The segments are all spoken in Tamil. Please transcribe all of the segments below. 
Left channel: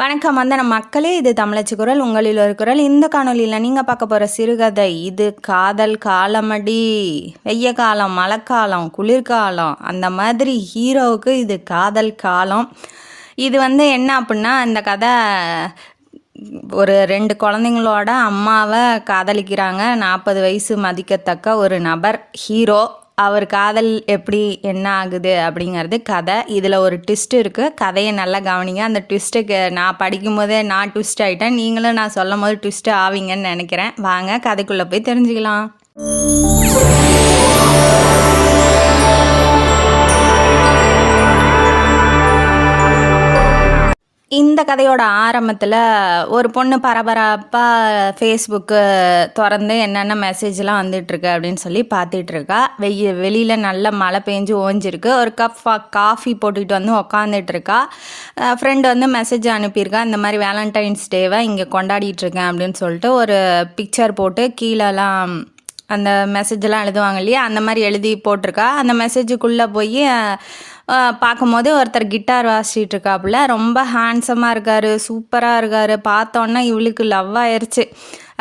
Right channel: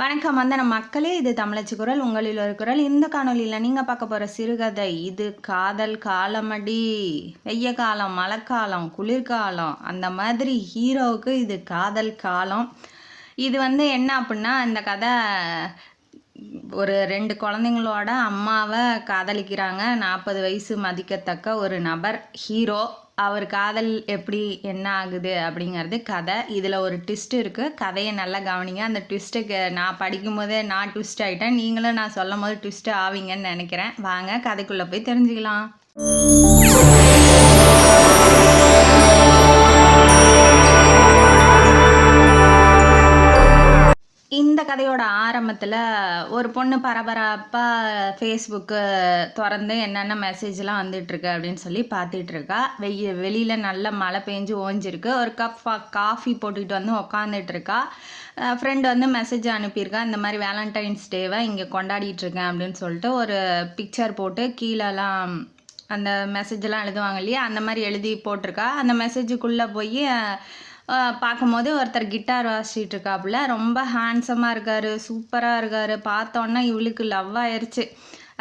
வணக்கம் வந்தன மக்களே, இது தமிழச்சி குரல், உங்களில் ஒரு குரல். இந்த காணொலியில் நீங்கள் பார்க்க போகிற சிறுகதை இது காதல் காலமடி. வெய்ய காலம், மழைக்காலம், குளிர்காலம், அந்த மாதிரி ஹீரோவுக்கு இது காதல் காலம். இது என்ன அப்படின்னா, இந்த கதை ஒரு 2 குழந்தைங்களோட அம்மாவை காதலிக்கிறாங்க. 40 வயசு மதிக்கத்தக்க ஒரு நபர் ஹீரோ. அவர் காதல் எப்படி என்ன ஆகுது அப்படிங்கிறது கதை. இதில் ஒரு ட்விஸ்ட் இருக்குது. கதையை நல்லா கவனிங்க. அந்த ட்விஸ்ட்டுக்கு நான் படிக்கும்போதே நான் ட்விஸ்ட் ஆகிட்டேன். நீங்களும் நான் சொல்லும் போது ட்விஸ்ட்டு ஆவீங்கன்னு நினைக்கிறேன். வாங்க கதைக்குள்ளே போய் தெரிஞ்சுக்கலாம். இந்த கதையோட ஆரம்பத்தில் ஒரு பொண்ணு பரபரப்பாக ஃபேஸ்புக்கு திறந்து என்னென்ன மெசேஜ்லாம் வந்துட்டுருக்கு அப்படின்னு சொல்லி பார்த்துட்ருக்கா. வெளியில் நல்ல மழை பெஞ்சு ஓஞ்சிருக்கு. ஒரு கப் காஃபி போட்டுக்கிட்டு உக்காந்துட்ருக்கா. ஃப்ரெண்டு மெசேஜ் அனுப்பியிருக்கா, இந்த மாதிரி வேலண்டைன்ஸ் டேவை இங்கே கொண்டாடிட்டுருக்கேன் அப்படின்னு சொல்லிட்டு ஒரு பிக்சர் போட்டு கீழெல்லாம் அந்த மெசேஜெல்லாம் எழுதுவாங்க இல்லையா, அந்த மாதிரி எழுதி போட்டிருக்கா. அந்த மெசேஜுக்குள்ளே போய் பார்க்கும்போது ஒருத்தர் கிட்டார் வாசிச்சுட்டு இருக்காப்புல. ரொம்ப ஹேண்ட்ஸமாக இருக்கார், சூப்பராக இருக்கார். பார்த்தோன்னா இவளுக்கு லவ் ஆயிடுச்சு.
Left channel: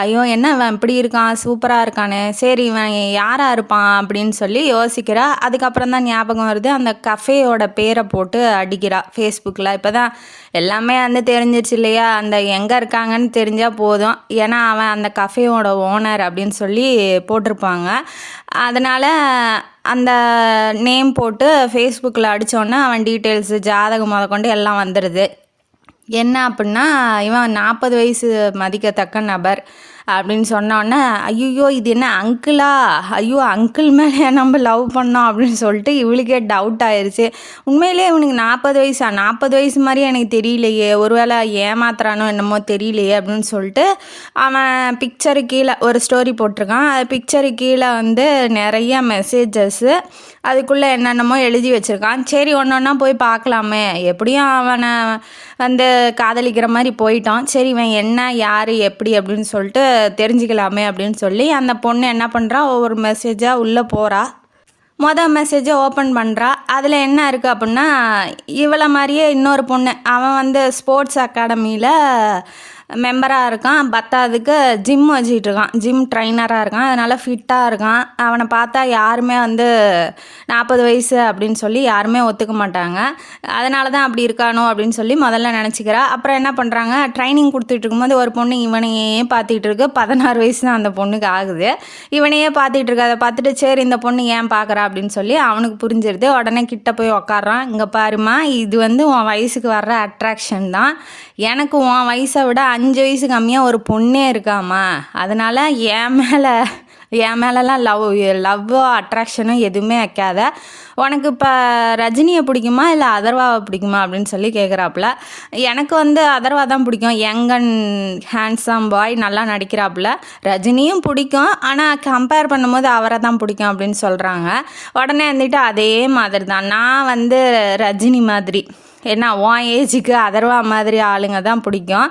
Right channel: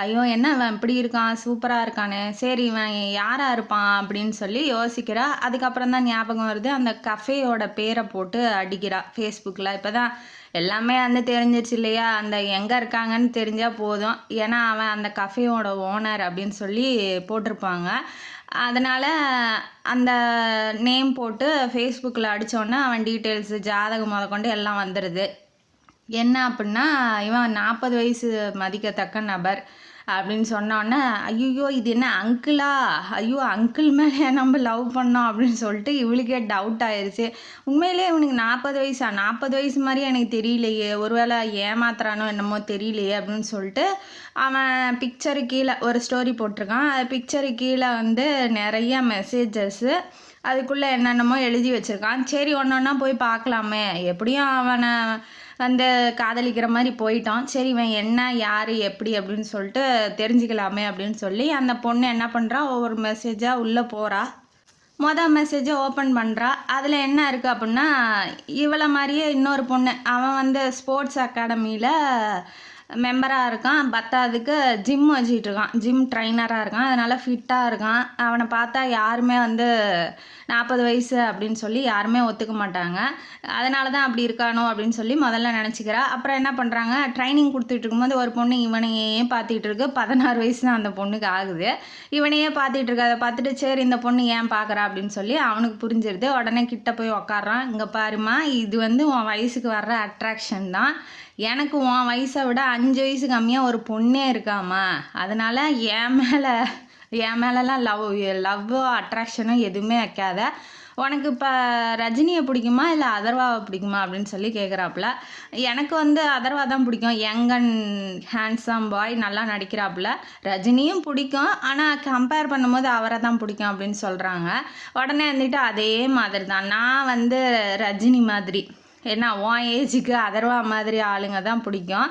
ஐயோ என்ன இவன் இப்படி இருக்கான், சூப்பராக இருக்கானே, சரி இவன் யாராக இருப்பான் அப்படின்னு சொல்லி யோசிக்கிறா. அதுக்கப்புறம் தான் ஞாபகம் வருது, அந்த கஃபேயோட பேரை போட்டு அடிக்கிறா ஃபேஸ்புக்கில். இப்போ தான் எல்லாமே தெரிஞ்சிருச்சு இல்லையா, அந்த எங்கே இருக்காங்கன்னு தெரிஞ்சால் போதும். ஏன்னா அவன் அந்த கஃபேயோட ஓனர் அப்படின்னு சொல்லி போட்டிருப்பாங்க. அதனால் அந்த நேம் போட்டு ஃபேஸ்புக்கில் அடித்தோன்னே அவன் டீட்டெயில்ஸு, ஜாதகம் கொண்டு எல்லாம் வந்துடுது. என்ன அப்படின்னா, இவன் 40 வயசு மதிக்கத்தக்க நபர் அப்படின்னு சொன்னோன்னே, ஐயோ இது என்ன அங்கிளா, ஐயோ அங்கிள் மேலே நம்ம லவ் பண்ணோம் அப்படின்னு சொல்லிட்டு இவளுக்கே டவுட் ஆயிடுச்சு. உண்மையிலே இவனுக்கு 40 வயசா, 40 வயசு மாதிரியே எனக்கு தெரியலையே, ஒருவேளை ஏமாத்துறானோ என்னமோ தெரியலையே அப்படின்னு சொல்லிட்டு அவன் பிக்சரு கீழே ஒரு ஸ்டோரி போட்டிருக்கான். அது பிக்சரு கீழே நிறைய மெசேஜஸ்ஸு, அதுக்குள்ளே என்னென்னமோ எழுதி வச்சுருக்கான். சரி ஒன்று ஒன்றா போய் பார்க்கலாமே, எப்படியும் அவனை காதலிக்கிற மாதிரி போயிட்டான். சரி இவன் என்ன யார் எப்படி அப்படின்னு சொல்லிட்டு தெரிஞ்சுக்கலாமே அப்படின்னு சொல்லி அந்த பொண்ணு என்ன பண்ணுறா, ஒவ்வொரு மெசேஜாக உள்ளே போகிறா. மொதல் மெசேஜை ஓப்பன் பண்ணுறா. அதில் என்ன இருக்குது அப்படின்னா, இவளை மாதிரியே இன்னொரு பொண்ணு, அவன் ஸ்போர்ட்ஸ் அகாடமியில் மெம்பராக இருக்கான். பத்தாவதுக்கு ஜிம் வச்சுக்கிட்டு இருக்கான், ஜிம் ட்ரைனராக இருக்கான். அதனால் ஃபிட்டாக இருக்கான். அவனை பார்த்தா யாருமே 40 வயசு அப்படின்னு சொல்லி யாருமே ஒத்துக்க மாட்டாங்க. அதனால தான் அப்படி இருக்கானோ அப்படின்னு சொல்லி முதல்ல நினச்சிக்கிறா. அப்புறம் என்ன பண்ணுறாங்க, ட்ரைனிங் கொடுத்துட்டு இருக்கும்போது ஒரு பொண்ணு இவனையே பார்த்துக்கிட்டு இருக்கு. 16 வயசு தான் அந்த பொண்ணுக்கு ஆகுது. இவனையே பார்த்துட்டு இருக்கு. அதை பார்த்துட்டு சரி இந்த பொண்ணு ஏன் பார்க்குறா அப்படின்னு சொல்லி அவனுக்கு புரிஞ்சிருது. உடனே கிட்ட போய் உக்காடுறான். இங்கே பாருமா, இது உன் வயசுக்கு வர்ற அட்ராக்ஷன் தான். எனக்கு உன் வயசை விட 5 வயசு கம்மியாக ஒரு பொண்ணே இருக்காமா, அதனால் என் மேலெலாம் லவ்வோ அட்ராக்ஷனோ எதுவுமே வைக்காத. உனக்கு இப்போ ரஜினியை பிடிக்குமா இல்லை அதர்வாவை பிடிக்குமா அப்படின்னு சொல்லி கேட்குறாப்புல. எனக்கு அதர்வா தான் பிடிக்கும், யங் அண்ட் ஹேண்ட்ஸம் பாய், நல்லா நடிக்கிறாப்புல. ரஜினியும் பிடிக்கும், ஆனால் கம்பேர் பண்ணும்போது அவரை தான் பிடிக்கும் அப்படின்னு சொல்கிறாங்க. உடனே அதே மாதிரி தான் நான் ரஜினி மாதிரி, ஏன்னா உன் ஏஜுக்கு அதர்வா மாதிரி ஆளுங்க தான் பிடிக்கும்.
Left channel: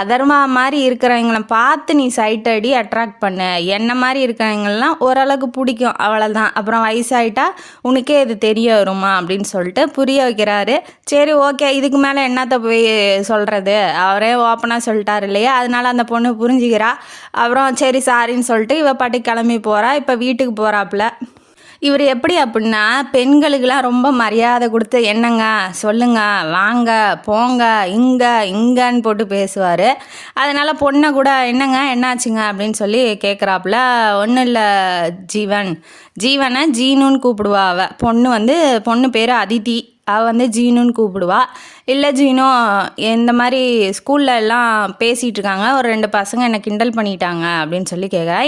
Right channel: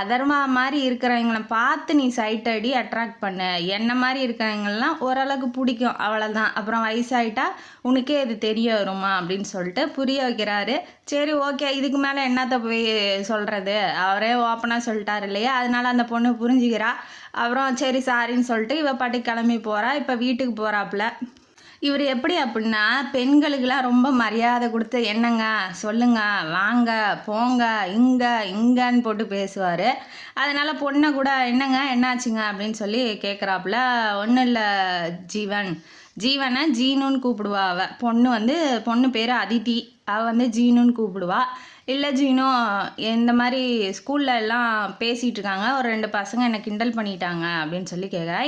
அதர்வா மாதிரி இருக்கிறவங்கள பார்த்து நீ சைட் அடி அட்ராக்ட் பண்ண, என்ன மாதிரி இருக்கிறவங்களாம் ஓரளவுக்கு பிடிக்கும், அவ்வளோதான். அப்புறம் வயசாயிட்டா உனக்கே இது தெரிய வருமா அப்படின்னு சொல்லிட்டு புரிய வைக்கிறாரு. சரி ஓகே, இதுக்கு மேலே என்னத்தை போய் சொல்கிறது, அவரே ஓப்பனாக சொல்லிட்டார் இல்லையா, அதனால அந்த பொண்ணு புரிஞ்சுக்கிறா. அப்புறம் சரி சாரின்னு சொல்லிட்டு இவ பாட்டி கிளம்பி போகிறா. இப்போ வீட்டுக்கு போகிறாப்புல. இவர் எப்படி அப்படின்னா, பெண்களுக்கெல்லாம் ரொம்ப மரியாதை கொடுத்து என்னங்க சொல்லுங்க, வாங்க போங்க, இங்கன்னு போட்டு பேசுவார். அதனால் பொண்ணை கூட என்னங்க என்னாச்சுங்க அப்படின்னு சொல்லி கேட்குறாப்புல. ஒன்றும் இல்லை ஜீவனை ஜீனுன்னு கூப்பிடுவா அவள். பொண்ணு பேர் அதித்தி, அவள் ஜீனுன்னு கூப்பிடுவா. இல்லை ஜீனோ, இந்த மாதிரி ஸ்கூலில் எல்லாம் பேசிகிட்டு இருக்காங்க, ஒரு 2 பசங்க என்னை கிண்டல் பண்ணிட்டாங்க அப்படின்னு சொல்லி கேட்குறா.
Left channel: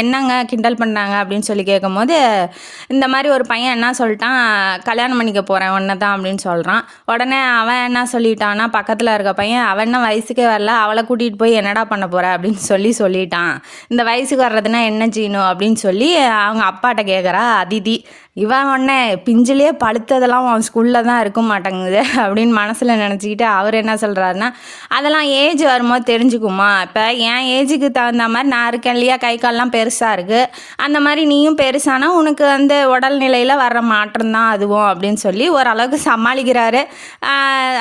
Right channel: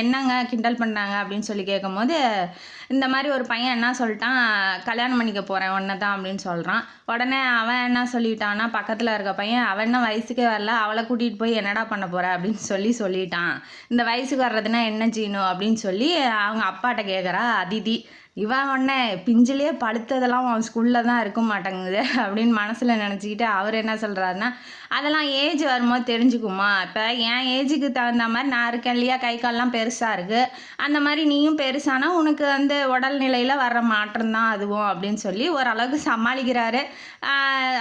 என்னங்க கிண்டல் பண்ணாங்க அப்படின்னு சொல்லி கேட்கும்போது, இந்த மாதிரி ஒரு பையன் என்ன சொல்லிட்டான், கல்யாணம் பண்ணிக்க போகிறேன் ஒன்றை தான் அப்படின்னு சொல்கிறான். உடனே அவன் என்ன சொல்லிட்டான்னா, பக்கத்தில் இருக்க பையன், அவன் என்ன வயசுக்கே வரல, அவளை கூட்டிகிட்டு போய் என்னடா பண்ண போகிற அப்படின்னு சொல்லிட்டான். இந்த வயசுக்கு வர்றதுன்னா என்ன ஜீனோ அப்படின்னு சொல்லி அவங்க அப்பாட்ட கேட்குறா அதிதி. இவன் பிஞ்சிலே பழுத்ததெல்லாம் அவன் ஸ்கூலில் தான் இருக்க மாட்டேங்குது அப்படின்னு மனசில் நினச்சிக்கிட்டு அவர் என்ன சொல்கிறாருன்னா, அதெல்லாம் ஏஜ் வரும்போது தெரிஞ்சுக்குமா, இப்போ என் ஏஜுக்கு தகுந்த மாதிரி நான் இருக்கேன் இல்லையா, கை கால்லாம் பெருசாக இருக்குது, அந்த மாதிரி நீயும் பெருசானா உனக்கு வந்து உடல்நிலையில் வர்ற மாற்றம் தான் அதுவும் அப்படின்னு சொல்லி ஓரளவுக்கு சமாளிக்கிறாரு.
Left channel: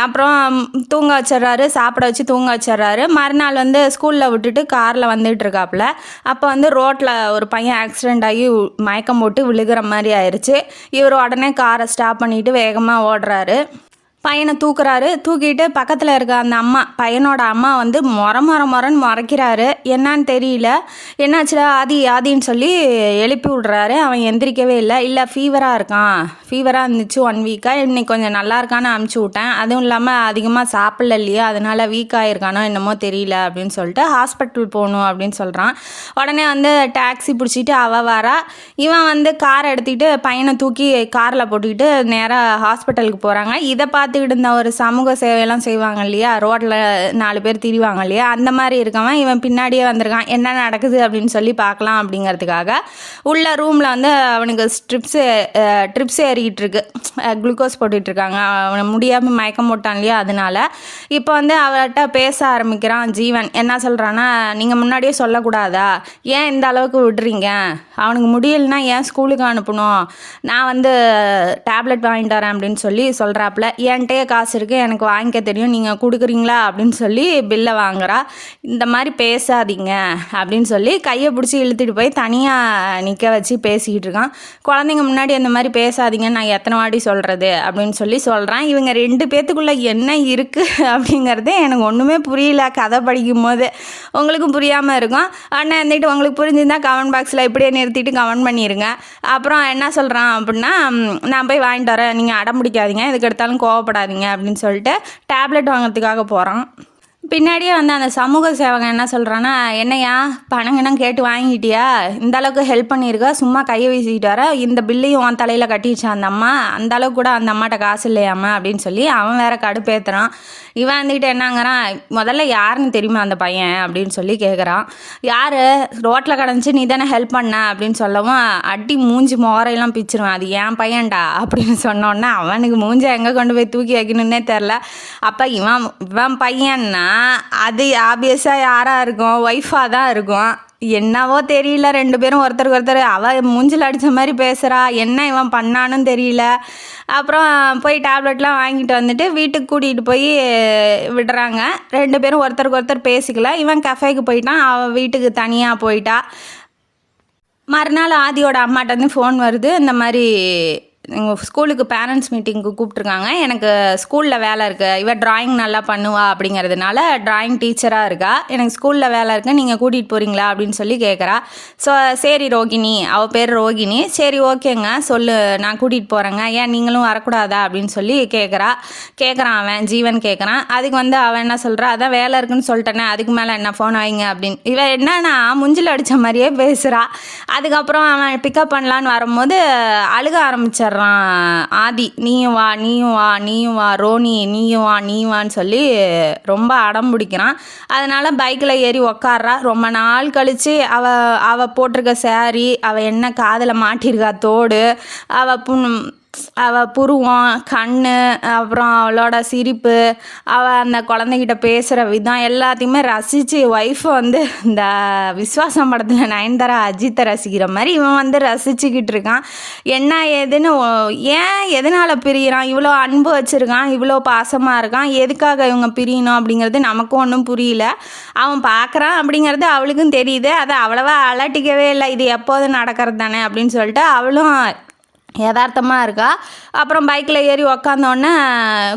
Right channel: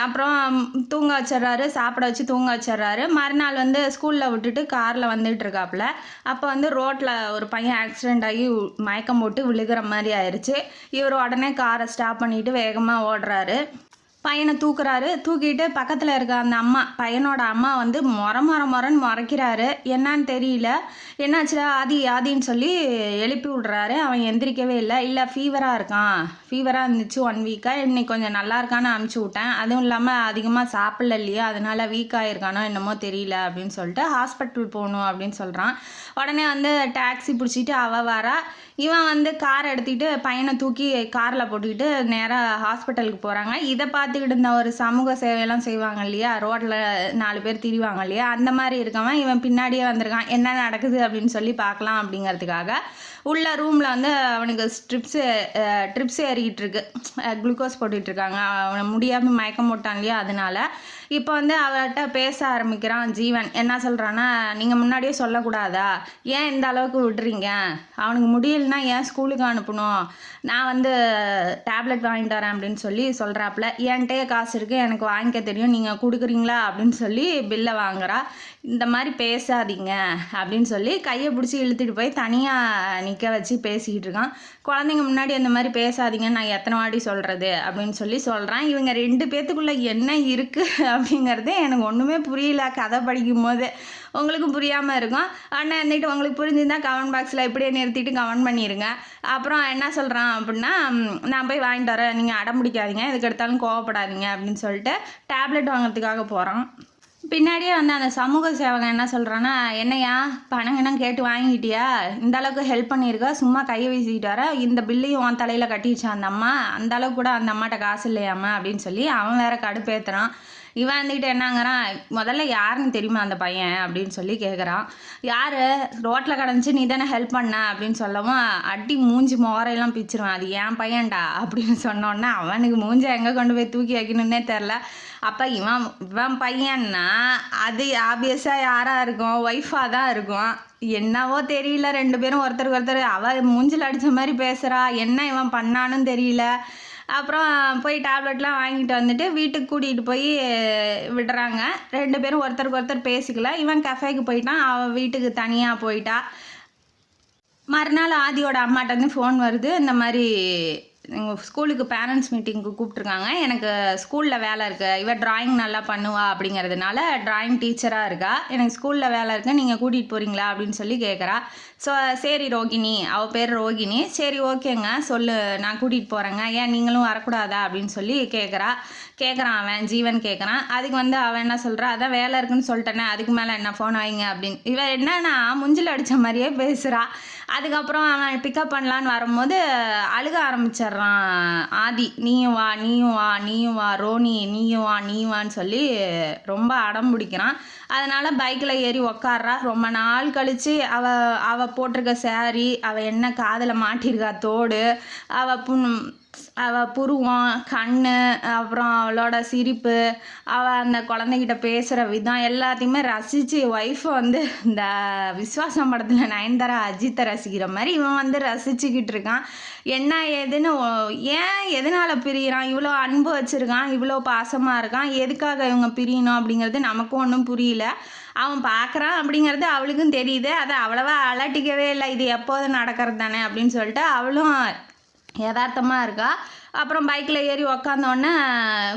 அப்புறம் தூங்க வச்சிடுறாரு, சாப்பிட வச்சு தூங்க வச்சிடுறாரு. மறுநாள் வந்து ஸ்கூலில் விட்டுட்டு காரில் வந்துட்டு இருக்காப்புல. அப்போ வந்து ரோட்டில் ஒரு பையன் ஆக்சிடெண்ட் ஆகி மயக்கம் போட்டு விழுகிற மாதிரி ஆயிடுச்சு. இவர் உடனே காரை ஸ்டாப் பண்ணிட்டு வேகமாக ஓடுறாரு. பையனை தூக்குறாரு. தூக்கிட்டு பக்கத்தில் இருக்க அந்த அம்மா, பையனோட அம்மா வந்து மொரன்னு முறைக்கிறாரு. என்னான்னு தெரியல. என்னாச்சுடா ஆதின்னு சொல்லி எழுப்பி விட்றாரு. அவன் எந்திரிக்கவே இல்லை ஃபீவராக இருக்கான், ஃபீவராக இருந்துச்சு 1 வீக்காக, இன்னைக்கு கொஞ்சம் நல்லா இருக்கான்னு அனுப்பிச்சி விட்டேன், அதுவும் இல்லாமல் அதிகமாக சாப்பிடல இல்லையா, அதனால் வீக் ஆகிருக்கானோ என்னமோ தெரியல அப்படின்னு சொல்லிட்டு ஹாஸ்பிட்டல் போகணும் அப்படின்னு சொல்கிறான். உடனே வந்து டாக்ஸி பிடிச்சிட்டு அவள் வரா. இவன் வந்து காரை எடுத்துக்கிட்டு பையனை தூக்கி காரில் போட்டுக்கிட்டு நேராக ஹாஸ்பிட்டலுக்கு போகிறாங்க. இதை பார்த்துக்கிட்டு இருந்த ஒரு சமூக சேவையெல்லாம் செய்வாங்க இல்லையா, ரோட்டில் 4 பேர் திரிவாங்க இல்லையா, அந்த மாதிரி இருக்கவன் இவன் பின்னாடியே வந்திருக்கான். என்ன நடக்குது அப்படின்னு சொல்லி பார்க்கலாம் அப்படிங்கிறதுக்காக உள்ள ரூமில் வந்து அவனுக்கு ட்ரிப்ஸ் ஏறிக்கிட்டு இருக்கு, குளுக்கோஸ் போட்டுட்ருக்காங்க. அவனை முடியாமல் மயக்கம் போட்டான் இல்லையா, அதனால இப்போ வந்து அவர்கிட்ட பேச ஆரம்பிக்கிறான் ஜீவன். என்ன சொல்கிறான்னா, நீங்கள் முன்னாடியே சொல்லக்கூடாதா, ஏன் இந்த அளவுக்கு விடுறீங்க, அவனுக்கு முடியலன்னா ஏன் ஸ்கூலுக்கு அனுப்பணும், நான் வந்து டேப்லெட் வாங்கிட்டு வரேன் அப்படின்னு சொல்லி சொல்கிறாப்புல. என்கிட்டயே காசு இருக்குது, எனக்கு வாங்கிக்க தெரியும், நீங்கள் கொடுக்குறீங்களா அப்படின்னு சொல்லி பில்லை வாங்குறா. இந்த மாதிரி பேசாதீங்க அப்படின்னு சொல்லி கையை பிடிச்சி இழுத்துட்டு போய் தனியாக நிற்க வச்சு பேசிக்கிட்டு இருக்கான். குழந்தைங்க முன்னாடி அந்த மாதிரி பேசாதீங்கன்னு நான் எத்தனை வாட்டி சொல்கிறது அப்படின்னு சொல்லி சொல்கிறான். இவங்க 2 பேத்துக்குள்ளே என்ன இருக்குது அப்படிங்கிறது எனக்கு ஒன்றுமே புரியல. கதை படிக்கும் போது உங்களுக்கும் புரியாமல் இருக்கும். ஆனால் இருந்துட்டு உங்களுக்கு புரிஞ்சுருந்தால் கமெண்ட் பாக்ஸில் இப்படியே நிறுத்திட்டு கமெண்ட் பண்ணிடுங்க. அப்புறம் என்ன சொல்கிறான் அப்படின்னா, நான் போய் வாங்கிட்டு வரேன், நீங்கள் அடம் பிடிக்காதீங்க, எதுக்கு எடுத்தாலும் கோவப்படாதீங்க அப்படின்னு சொல்லிட்டு டேப்லெட் வாங்கிறதுக்காக போகிறான். பின்னாடியே வந்து அந்த சமூக சேவகன் என்ன சொல்கிறான்னா, என்னையா பணங்கன்னு கேட்டு வாங்கிட்டியா, இந்த அளவுக்கு ஹெல்ப் பண்ணியிருக்கா, சும்மா கையை வீசிக்கிட்டு வர, இந்த பில்லையும் உன் தலையில் கட்டிடுச்சு அந்த அம்மா, அந்த அளவுக்கு கூட அந்த அம்மாட்ட காசு இல்லையாம்மா அப்படின்னு சொல்லி அவன் வேற கடுப்பேற்றுறான். இவன் வந்துக்கிட்டு என்னங்கிறான், முதல்ல யாருன்னு தெரியுமா அந்த பையன் அப்படின்னு சொல்லி கேட்குறான். யார், ரோட்டில் கிடந்துச்சு நீ தானே ஹெல்ப் பண்ண அப்படின்னு சொல்லவும் அடி மூஞ்சி மோரையெல்லாம் பிச்சிருவேன், அது என் பையன்டா அப்படின்னு சொன்னோன்னே அவனுக்கு மூஞ்சி எங்கே கொண்டு போய் தூக்கி வைக்கணுன்னே தெரில. அப்போ இவன் பையன்னா அது ஆப்வியஸாக யாராக இருக்கும், ஒய்ஃபாக தான் இருக்கும். என்னவோ தெரியல, 2 பேரும் ஒருத்தருக்கு ஒருத்தர் அவள் மூஞ்சில் அடித்த மாதிரி பேசுகிறா, என்ன இவன் பண்ணான்னு தெரியல. அப்புறம் போய் டேப்லெட்லாம் வாங்கிட்டு வந்துட்டு வீட்டுக்கு கூட்டிகிட்டு போய் விடுறாங்க. 2 பேரும் ஒருத்தருக்கு ஒருத்தர் பேசிக்கல. இவன் கஃபேக்கு போயிட்டான், அவள் வீட்டுக்கு தனியாக போயிட்டா. மறுநாள் ஆதியோட அம்மாட்ட வந்து ஃபோன் வருது, இந்த மாதிரி எங்கள் ஸ்கூலுக்கு பேரண்ட்ஸ் மீட்டிங்க்கு கூப்பிட்ருக்காங்க, எனக்கு ஸ்கூலில் வேலை இருக்குது, இவள் ட்ராயிங் நல்லா பண்ணுவா அப்படிங்கிறதுனால ட்ராயிங் டீச்சராக இருக்கா, எனக்கு ஸ்கூலில் வேலை இருக்குது, நீங்கள் கூட்டிகிட்டு போகிறீங்களா அப்படின்னு சொல்லி கேட்குறா. ஸோ சரி ரோகிணி, அவள் பேர் ரோகிணி, சரி ஓகேங்க சொல்லு, நான் கூட்டிகிட்டு போகிறேங்க, ஏன் நீங்களும் வரக்கூடாதா அப்படின்னு சொல்லி கேட்குறான் அவன் ஜீவன் கேட்குறான். அதுக்கு வந்து அவன் என்ன சொல்கிறா, அதான் வேலை இருக்குன்னு சொல்லிட்டேனே, அதுக்கு மேலே என்ன ஃபோன் வைங்க அப்படின்னு. இவன் என்னன்னா முஞ்சில் அடித்த மாதிரியே பேசுகிறா. அதுக்கப்புறம் அவன் பிக்கப் பண்ணலான்னு வரும்போது அழுக ஆரம்பிச்சிட்றான் ஆதி. நீயும் வா ரோனி, நீயும் வான்னு சொல்லி ரொம்ப அடம் பிடிக்கிறான். அதனால் பைக்கில் ஏறி உக்காடுறா. ரொம்ப நாள் கழித்து அவள் போட்டிருக்க சாரி, அவள் என்ன காதில் மாட்டியிருக்கா தோடு, அவள் புருவம், கண், அப்புறம் அவளோட சிரிப்பு, அவள் அந்த குழந்தைகிட்ட பேசுகிற விதம் எல்லாத்தையுமே ரசித்து ஒய்ஃபை வந்து இந்த விஸ்வாசம் படத்தில் நயன்தாரா அஜித்தை ரசிக்கிற மாதிரி இவன் வந்து ரசிச்சுக்கிட்டு இருக்கான். என்ன ஏதுன்னு, ஏன் எதனால் பிரியிறான், இவ்வளோ அன்பு வச்சுருக்கான், இவ்வளோ பாசமாக இருக்கான், எதுக்காக இவங்க பிரியணும் அப்படிங்கிறது நமக்கும் ஒன்றும் புரியல. அவன் பார்க்குறான் அப்படிங்கிறது அவளுக்கும் தெரியுது, அதை அவ்வளவா அலட்டிக்கவே இல்லை, இது எப்போது நடக்கிறது தானே அப்படின்னு சொல்லிட்டு அவளும் யதார்த்தமாக இருக்கா. அப்புறம் பைக்கில் ஏறி உக்காந்தோடனே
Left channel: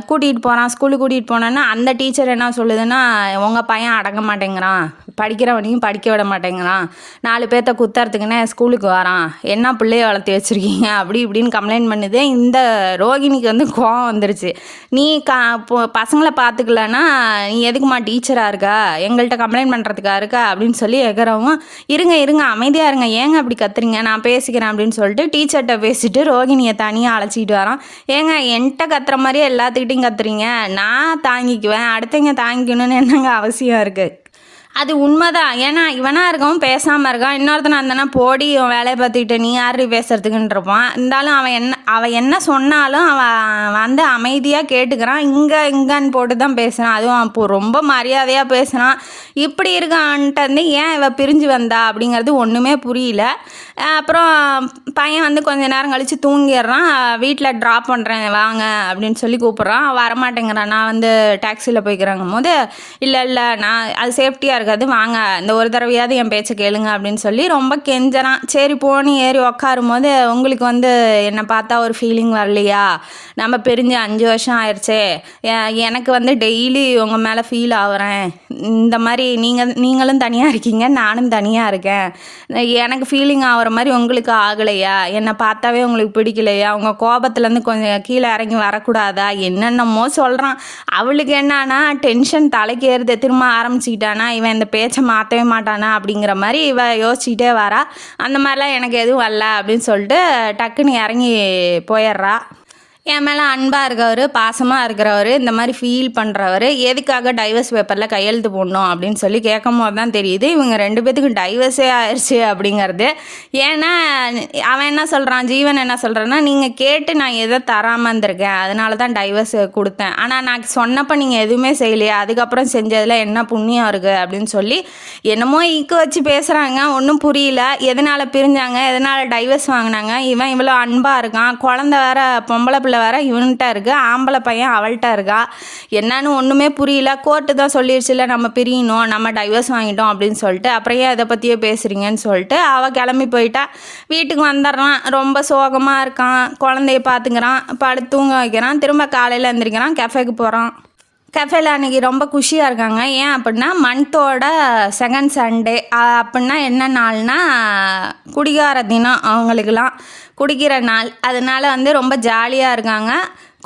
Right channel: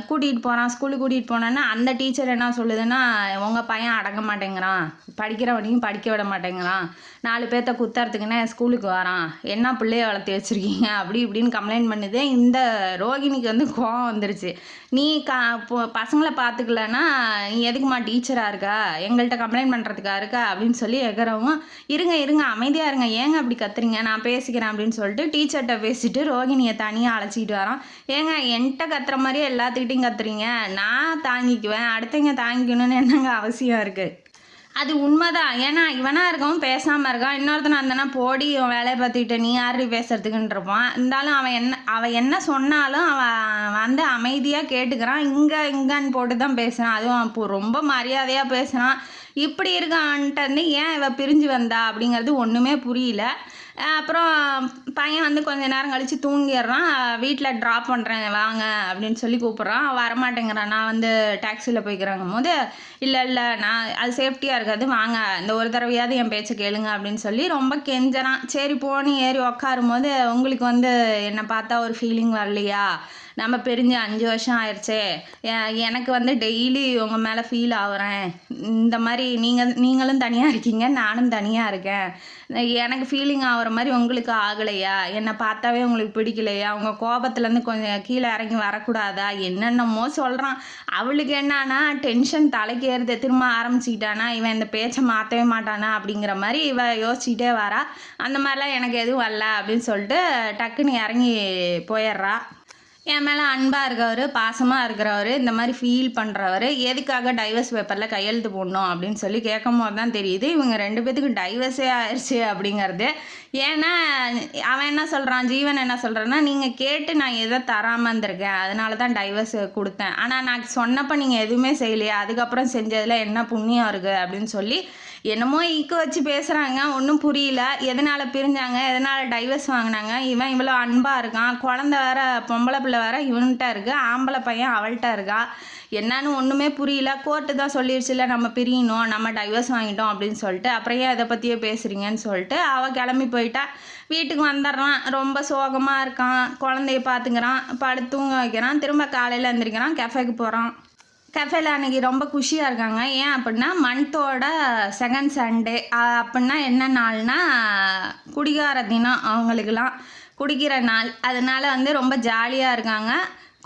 கூட்டிகிட்டு போகிறான், ஸ்கூலுக்கு கூட்டிகிட்டு போனோன்னா அந்த டீச்சர் என்ன சொல்லுதுன்னா, உங்கள் பையன் அடங்க மாட்டேங்கிறான், படிக்கிறவனையும் படிக்க விட மாட்டேங்கிறான், 4 பேர்த்த குத்துறதுக்குன்னே ஸ்கூலுக்கு வரான், என்ன பிள்ளைய வளர்த்தி வச்சுருக்கீங்க அப்படி இப்படின்னு கம்ப்ளைண்ட் பண்ணுது. இந்த ரோகிணிக்கு வந்து கோவம் வந்துருச்சு. நீ பசங்களை பார்த்துக்கலன்னா நீ எதுக்குமா டீச்சராக இருக்கா, எங்கள்கிட்ட கம்ப்ளைண்ட் பண்ணுறதுக்காக இருக்கா அப்படின்னு சொல்லி எகிறவும், இருங்க அமைதியாக இருங்க, ஏங்க அப்படி கத்துறீங்க, நான் பேசிக்கிறேன் அப்படின்னு சொல்லிட்டு டீச்சர்கிட்ட பேசிட்டு ரோகிணியை தனியாக அழைச்சிக்கிட்டு வரான். ஏங்க என்கிட்ட கத்துற மாதிரியே எல்லாத்துக்கிட்டையும் கத்துறீங்க, நான் தாங்கிக்குவேன், அடுத்தவங்க தாங்கிக்கணும்னு என்னங்க அவசியம் இருக்குது அது உண்மைதான். ஏன்னா இவனா இருக்கவும் பேசாமல் இருக்கான். இன்னொருத்தனா இருந்தானா போடி இவன் வேலையை பார்த்துக்கிட்டு நீ யாரு பேசுறதுக்குன்னு இருப்பான். இருந்தாலும் அவன் என்ன சொன்னாலும் அவன் வந்து அமைதியாக கேட்டுக்கிறான். இங்கன்னு போட்டு தான் பேசுகிறான். அதுவும் அப்போ ரொம்ப மரியாதையாக பேசுகிறான். இப்படி இருக்கான்ட்டு வந்து ஏன் இவ பிரிஞ்சு வந்தா அப்படிங்கிறது ஒன்றுமே புரியல. அப்புறம் பையன் வந்து கொஞ்ச நேரம் கழித்து தூங்கிடுறான். வீட்டில் ட்ராப் பண்ணுறேன் வாங்க அப்படின்னு சொல்லி கூப்பிட்றான். வரமாட்டேங்கிறான். நான் வந்து டாக்ஸியில் போய்க்கிறாங்கும் போது இல்லை நான் அது சேஃப்டியாக இருக்காது வாங்க இந்த ஒரு தடவையாவது என் பேச்சை கேளுங்க அப்படின்னு சொல்லி ரொம்ப கெஞ்சறான். சரி போனி ஏறி உக்காரும் போது உங்களுக்கு வந்து என்னை பார்த்தா ஒரு ஃபீலிங் வரலையா? நம்ம பிரிஞ்சு 5 வருஷம் ஆயிடுச்சே. எனக்கு வந்து டெய்லி உங்கள் மேலே ஃபீல் ஆகுறேன். இந்த மாதிரி நீங்களும் தனியாக இருக்கீங்க, நானும் தனியாக இருக்கேன். எனக்கு ஃபீலிங் ஆகிற மாதிரி உங்களுக்கு ஆகலையா? என்னை பார்த்தாவே உங்களுக்கு பிடிக்கலையா? உங்கள் கோபத்துலேருந்து கொஞ்சம் கீழே இறங்கி வரக்கூடாதா? என்னென்னமோ சொல்கிறான். அவளுக்கு என்னன்னா டென்ஷன் தலைக்கு ஏறுது. திரும்ப ஆரம்பிச்சுக்கிட்டானா இவன் இந்த பேச்சை மாற்றவே மாட்டானா அப்படிங்கிற மாதிரி இவ யோசிச்சுக்கிட்டே வரா. அந்த மாதிரிலாம் எனக்கு எதுவும் வரல அப்படின்னு சொல்லிட்டு டக்குன்னு இறங்கி போயிடுறா. என் மேலே அன்பாக இருக்கவர், பாசமாக இருக்கிறவர், இந்த மாதிரி ஃபீல் பண்ணுறவர் எதுக்காக டைவர்ஸ் பேப்பரில் கையெழுத்து போடணும் அப்படின்னு சொல்லி கேட்கும் போது தான் தெரியுது இவங்க 2 பேத்துக்கும் டைவர்ஸே ஆயிடுச்சு அப்படிங்கிறது. ஏன்னா அவன் என்ன சொல்கிறான், ஜீவன் என்ன சொல்கிறான்னா, நீங்கள் கேட்டு நான் எதை தராமல் இருந்திருக்கேன், அதனால தான் டைவர்ஸ் கொடுத்தேன். ஆனால் நான் சொன்னப்போ நீங்கள் எதுவுமே செய்யலையா, அதுக்கப்புறம் செஞ்சதில் என்ன புண்ணியம் இருக்குது அப்படின்னு சொல்லி என்னமோ ஈக்கு வச்சு பேசுகிறாங்க. ஒன்றும் புரியல. எதனால் பிரிஞ்சாங்க, எதனால் டைவர்ஸ் வாங்கினாங்க, இவன் இவ்வளோ அன்பாக இருக்கான், குழந்த வேற பொம்பளை பிள்ளை வேற இவன்கிட்ட இருக்குது, ஆம்பளை பையன் அவள்கிட்ட இருக்கா, என்னன்னு ஒன்றுமே புரியல. கோர்ட்டு தான் சொல்லிடுச்சுல நம்ம பிரியணும், நம்ம டைவர்ஸ் வாங்கிட்டோம் அப்படின்னு சொல்லிட்டு. அப்புறம் ஏன் இதை பற்றியே பேசுகிறீங்கன்னு சொல்லிட்டு அவள் கிளம்பி போயிட்டா. வீட்டுக்கு வந்துடுறான். ரொம்ப சோகமாக இருக்கான். குழந்தைய பார்த்துக்கிறான், படுத்து தூங்க வைக்கிறான். திரும்ப காலையில் எழுந்திரிக்கிறான், கெஃபேக்கு போகிறான். கஃபேல அன்றைக்கி ரொம்ப குஷியாக இருக்காங்க. ஏன் அப்படின்னா மந்த்தோட செகண்ட் சண்டே. அப்படின்னா என்ன நாள்னா குடிகார தினம், அவங்களுக்கெல்லாம் குடிக்கிற நாள். அதனால் வந்து ரொம்ப ஜாலியாக இருக்காங்க.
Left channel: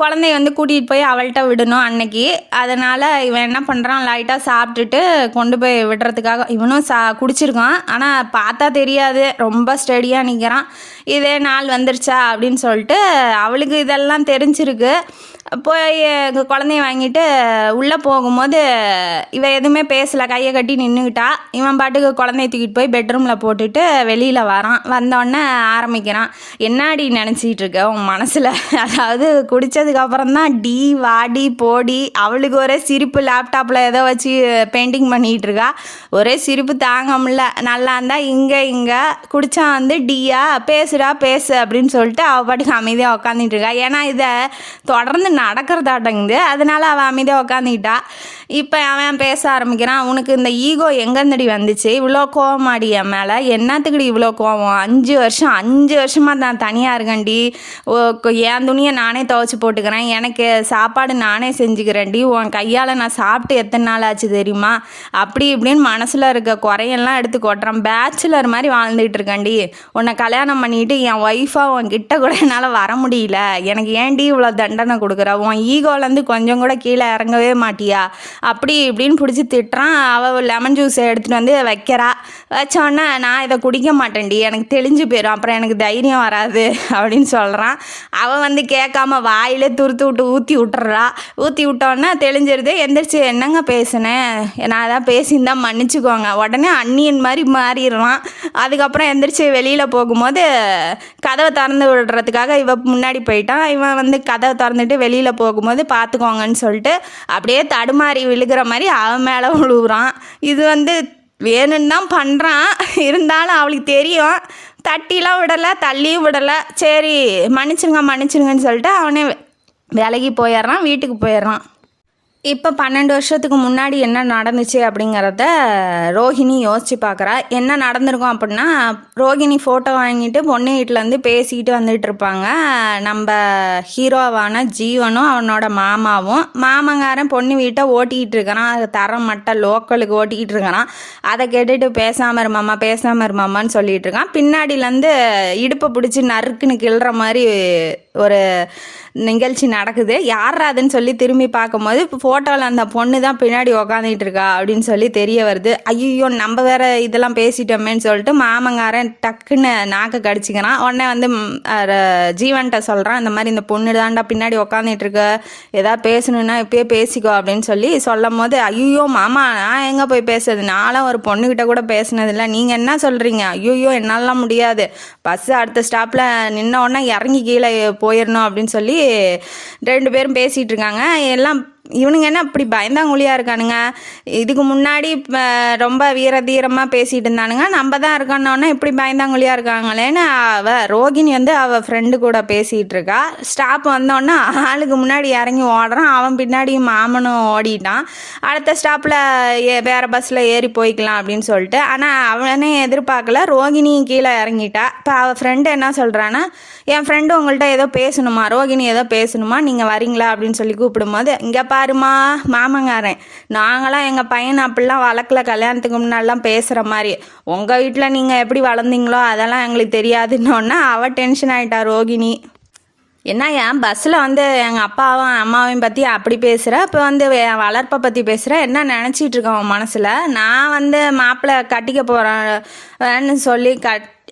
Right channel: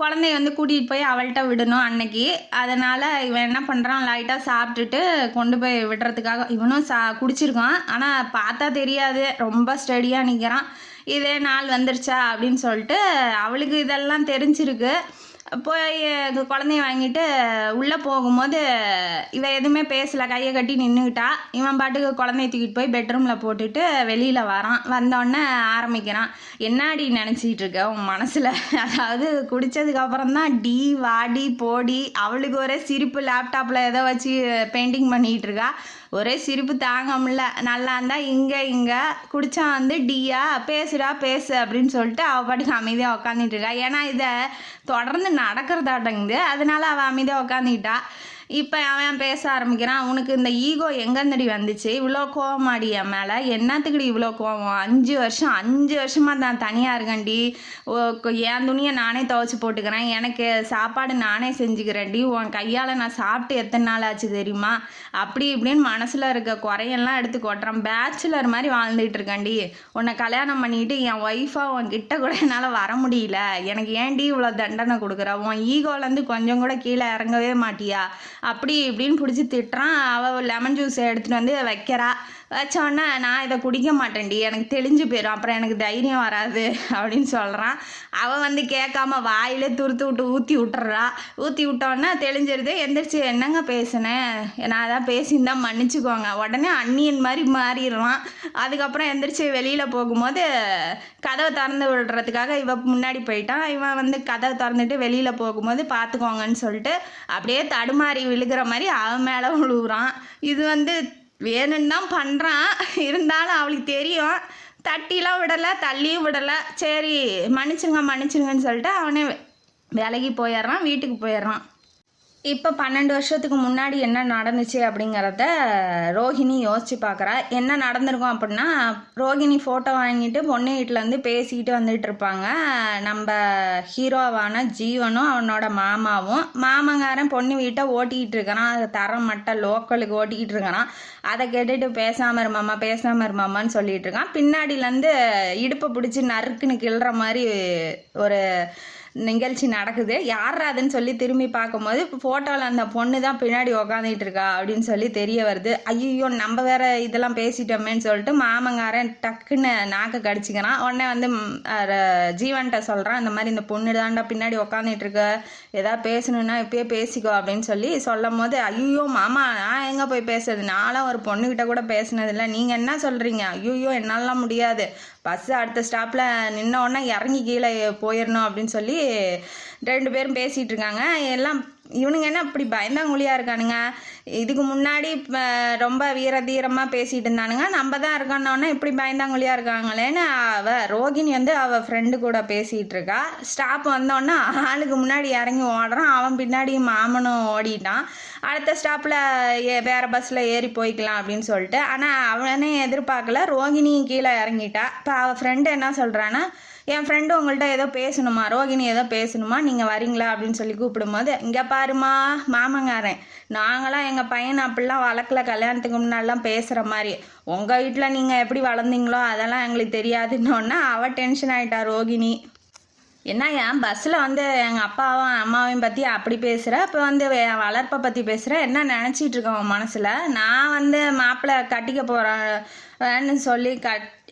குழந்தைய வந்து கூட்டிகிட்டு போய் அவள்கிட்ட விடணும் அன்னைக்கு. அதனால் இவன் என்ன பண்ணுறான், லைட்டாக சாப்பிட்டுட்டு கொண்டு போய் விடுறதுக்காக இவனும் குடிச்சிருக்கான். ஆனால் பார்த்தா தெரியாது, ரொம்ப ஸ்டடியாக நிற்கிறான். இதே நாள் வந்துருச்சா அப்படின்னு சொல்லிட்டு அவளுக்கு இதெல்லாம் தெரிஞ்சிருக்கு. போய் குழந்தைய வாங்கிட்டு உள்ளே போகும்போது இவன் எதுவுமே பேசலை, கையை கட்டி நின்றுக்கிட்டா. இவன் பாட்டுக்கு குழந்தைய தூக்கிட்டு போய் பெட்ரூமில் போட்டுட்டு வெளியில் வரான். வந்தோடனே ஆரம்பிக்கிறான், என்னாடி நினச்சிக்கிட்டு இருக்க உன் மனசில்? அதாவது குடித்ததுக்கப்புறம் தான் டி வாடி போடி. அவளுக்கு ஒரே சிரிப்பு. லேப்டாப்பில் ஏதோ வச்சு பெயிண்டிங் பண்ணிகிட்டு இருக்கா. ஒரே சிரிப்பு தாங்க முடியல. நல்லா இருந்தால் இங்கே குடித்தா வந்து டியா பேசுடா பேசு அப்படின்னு சொல்லிட்டு அவள் பாட்டுக்கு அமைதியாக உக்காந்துட்டு இருக்கா. ஏன்னா இதை தொடர்ந்து நடக்கிறதாட்டங்குது. அதனால அவன் அமைதியாக உக்காந்துக்கிட்டா. இப்போ அவன் பேச ஆரம்பிக்கிறான், உனக்கு இந்த ஈகோ எங்கேருந்துடி வந்துச்சு? இவ்வளோ கோவமாடி என் மேலே? என்னத்துக்குடி இவ்வளோ கோவம்? 5 வருஷமாக நான் தனியாக இருக்கேன்டி. என் துணியை நானே துவைச்சி போட்டுக்கிறேன், எனக்கு சாப்பாடு நானே செஞ்சுக்கிறேன்டி, உன் கையால் நான் சாப்பிட்டு எத்தனை நாள் ஆச்சு தெரியுமா? அப்படி இப்படின்னு மனசில் இருக்க குறையெல்லாம் எடுத்து கொட்டுறான். பேச்சுலர் மாதிரி வாழ்ந்துகிட்டு இருக்கேன்டி. உன்னை கல்யாணம் பண்ணிட்டு என் ஒய்ஃபாக உன் கிட்ட கூட என்னால் வர முடியல. எனக்கு ஏன்டி இவ்வளோ தண்டனை கொடுக்குற? உன் ஈகோலேருந்து கொஞ்சம் கூட கீழே இறங்கவே மாட்டியா? அப்படி இப்படின்னு பிடிச்சி திட்டுறான். அவள் லெமன் ஜூஸை எடுத்துகிட்டு வந்து வைக்கிறா. வச்சோன்னே நான் இதை குடிக்க மாட்டேன்டி, எனக்கு தெளிஞ்சு போயிடும், அப்புறம் எனக்கு தைரியம் வராது அப்படின்னு சொல்கிறான். அவன் வந்து கேட்காம வாயிலே துருத்து விட்டு ஊற்றி விட்டோன்னே தெளிஞ்சிருது. எந்திரிச்சு என்னங்க பேசினேன், நான் அதான் பேசியிருந்தால் மன்னிச்சுக்கோங்க. உடனே அண்ணியன் மாதிரி மாறிடுறான். அதுக்கப்புறம் எந்திரிச்சு வெளியில் போகும்போது கதவை திறந்து விடுறதுக்காக இவன் முன்னாடி போயிட்டான். இவன் வந்து கதவை திறந்துட்டு வெளியில் போகும்போது பார்த்துக்கோங்கன்னு சொல்லிட்டு அப்படியே தடுமாறி விழுகிற மாதிரி அவன் மேலே விழுகுறான். இது வந்து வேணும்னு தான் பண்ணுறான். இருந்தாலும் அவளுக்கு தெரியும். தட்டிலாம் விடலை, தள்ளியும் விடலை. சரி மன்னிச்சிருங்கன்னு சொல்லிட்டு அவனே வேலைக்கு போயிடுறான், வீட்டுக்கு போயிடுறான். இப்போ 12 வருஷத்துக்கு முன்னாடி என்ன நடந்துச்சு அப்படிங்கிறத ரோஹிணி யோசித்து பார்க்குறா. என்ன நடந்திருக்கும் அப்படின்னா, ரோஹிணி ஃபோட்டோ வாங்கிட்டு பொண்ணு வீட்டிலேருந்து பேசிக்கிட்டு வந்துட்டு இருப்பாங்க. நம்ம ஹீரோவான ஜீவனும் அவனோட மாமாவும். மாமங்காரன் பொண்ணு வீட்டை ஓட்டிக்கிட்டு இருக்கிறான். அது தரம் மட்ட லோக்கலுக்கு ஓட்டிக்கிட்டு இருக்கிறான். அதை கேட்டுட்டு பேசாமல் இருமாமான்னு சொல்லிட்டு இருக்கான். பின்னாடியிலேருந்து இடுப்பை பிடிச்சி நறுக்குன்னு கிள்ற மாதிரி ஒரு நிகழ்ச்சி நடக்குது. யார்ரா அதுன்னு சொல்லி திரும்பி பார்க்கும்போது ஃபோட்டோவில் அந்த பொண்ணு தான் பின்னாடி உக்காந்துட்டு இருக்கா அப்படின்னு சொல்லி தெரிய வருது. ஐயோ நம்ம வேற இதெல்லாம் பேசிட்டோமேன்னு சொல்லிட்டு மாமங்காரன் டக்குன்னு நாக்கு கடிச்சிக்கிறான். உடனே வந்து ஜீவன்கிட்ட சொல்கிறான், இந்த மாதிரி இந்த பொண்ணு தான்டா பின்னாடி உக்காந்துட்டு இருக்க, ஏதாவது பேசணுன்னா இப்பயே பேசிக்கோ அப்படின்னு சொல்லி சொல்லும் போது, ஐயோ மாமா நான் எங்கே போய் பேசுறது, நானும் ஒரு பொண்ணுக்கிட்ட கூட பேசினதில்லை, நீங்கள் என்ன சொல்கிறீங்க, ஐயோ என்னாலாம் முடியாது, பஸ்ஸு அடுத்த ஸ்டாப்பில் நின்ன உடனே இறங்கி கீழே போயிடணும் அப்படின்னு சொல்லி 2 பேரும் பேசிகிட்டு இருக்காங்க. எல்லாம் இவனுங்க என்ன இப்படி பயந்தாங்குழியாக இருக்கானுங்க, இதுக்கு முன்னாடி ரொம்ப வீரதீரமாக பேசிகிட்டு இருந்தானுங்க, நம்ம தான் இருக்கோன்னொன்னே இப்படி பயந்தாங்குழியாக இருக்காங்களேன்னு ரோகிணி வந்து அவள் ஃப்ரெண்டு கூட பேசிகிட்டு இருக்கா. ஸ்டாப் வந்தோடனே ஆளுக்கு முன்னாடி இறங்கி ஓடுறான், அவன் பின்னாடி மாமனும் ஓடிட்டான். அடுத்த ஸ்டாப்பில் வேறு பஸ்ஸில் ஏறி போய்க்கலாம் அப்படின்னு சொல்லிட்டு. ஆனால் அவனே எதிர்பார்க்கல, ரோகிணி கீழே இறங்கிட்டா. இப்போ அவள் ஃப்ரெண்டு என்ன சொல்கிறான்னா, என் ஃப்ரெண்டு உங்கள்கிட்ட ஏதோ பேசணுமா, ரோகிணி ஏதோ பேசணுமா, நீங்கள் வரீங்களா அப்படின்னு சொல்லி கூப்பிடும்போது, இங்கே பாருமா மாமங்காரன், நாங்களாம் எங்கள் பையனை அப்படிலாம் வளர்க்கல, கல்யாணத்துக்கு முன்னாடிலாம் பேசுகிற மாதிரி, உங்கள் வீட்டில் நீங்கள் எப்படி வளர்ந்தீங்களோ அதெல்லாம் எங்களுக்கு தெரியாதுன்னொன்னா அவள் டென்ஷன் ஆகிட்டா ரோகிணி. என்ன ஏன் பஸ்ஸில் வந்து எங்கள் அப்பாவும் அம்மாவையும் பற்றி அப்படி பேசுகிற, இப்போ வந்து என் வளர்ப்பை பற்றி பேசுகிற, என்ன நினச்சிட்டு இருக்கேன் உன் மனசில், நான் வந்து மாப்பிள்ளை கட்டிக்க போகிறேன்னு சொல்லி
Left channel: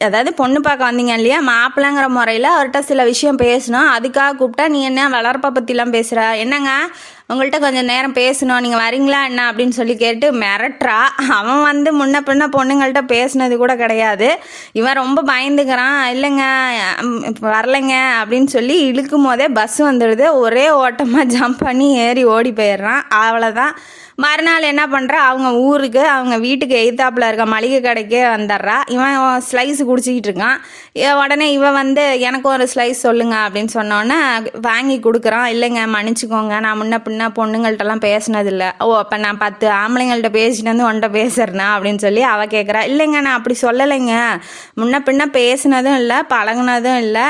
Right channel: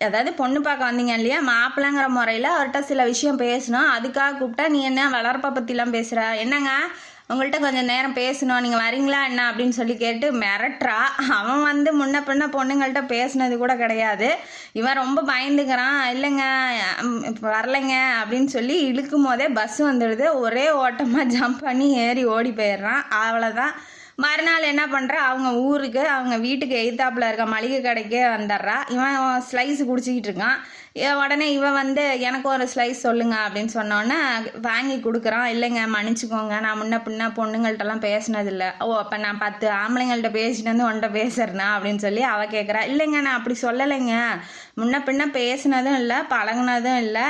அதாவது பொண்ணு பார்க்க வந்தீங்க இல்லையா, மாப்பிள்ளைங்கிற முறையில் அவர்கிட்ட சில விஷயம் பேசணும், அதுக்காக கூப்பிட்டா நீ என்ன வளர்ப்பை பற்றிலாம் பேசுகிற, என்னங்க உங்கள்கிட்ட கொஞ்சம் நேரம் பேசணும், நீங்கள் வரீங்களா என்ன அப்படின்னு சொல்லி கேட்டு மிரட்டுறா. அவன் வந்து முன்ன பின்ன பொண்ணுங்கள்கிட்ட பேசினது கூட கிடையாது. இவன் ரொம்ப பயந்துக்கிறான், இல்லைங்க வரலைங்க அப்படின்னு சொல்லி இழுக்கும் போதே பஸ் வந்துடுது. ஒரே ஓட்டமாக ஜம்ப் பண்ணி ஏறி ஓடி போயிடுறான். அவ்வளோதான். மறுநாள் என்ன பண்ணுறா, அவங்க ஊருக்கு அவங்க வீட்டுக்கு எய்த்தாப்பில் இருக்க மளிகை கடைக்கே வந்துடுறா. இவன் ஸ்லைஸ் குடிச்சிக்கிட்டு இருக்கான். உடனே இவன் வந்து எனக்கு ஒரு ஸ்லைஸ் சொல்லுங்க அப்படின்னு சொன்னோன்னே வாங்கி கொடுக்குறான். இல்லைங்க மன்னிச்சிக்கோங்க, நான் முன்ன பின்ன பொண்ணுங்கள்ட்டலாம் பேசினதில்லை. ஓ அப்போ நான் 10 ஆம்பளைங்கள்ட்ட பேசிட்டு வந்து உன்ட்ட பேசுறேனா அப்படின்னு சொல்லி அவள் கேட்குறா. இல்லைங்க நான் அப்படி சொல்லலைங்க, முன்ன பின்ன பேசினதும் இல்லை, பழகுனதும் இல்லை,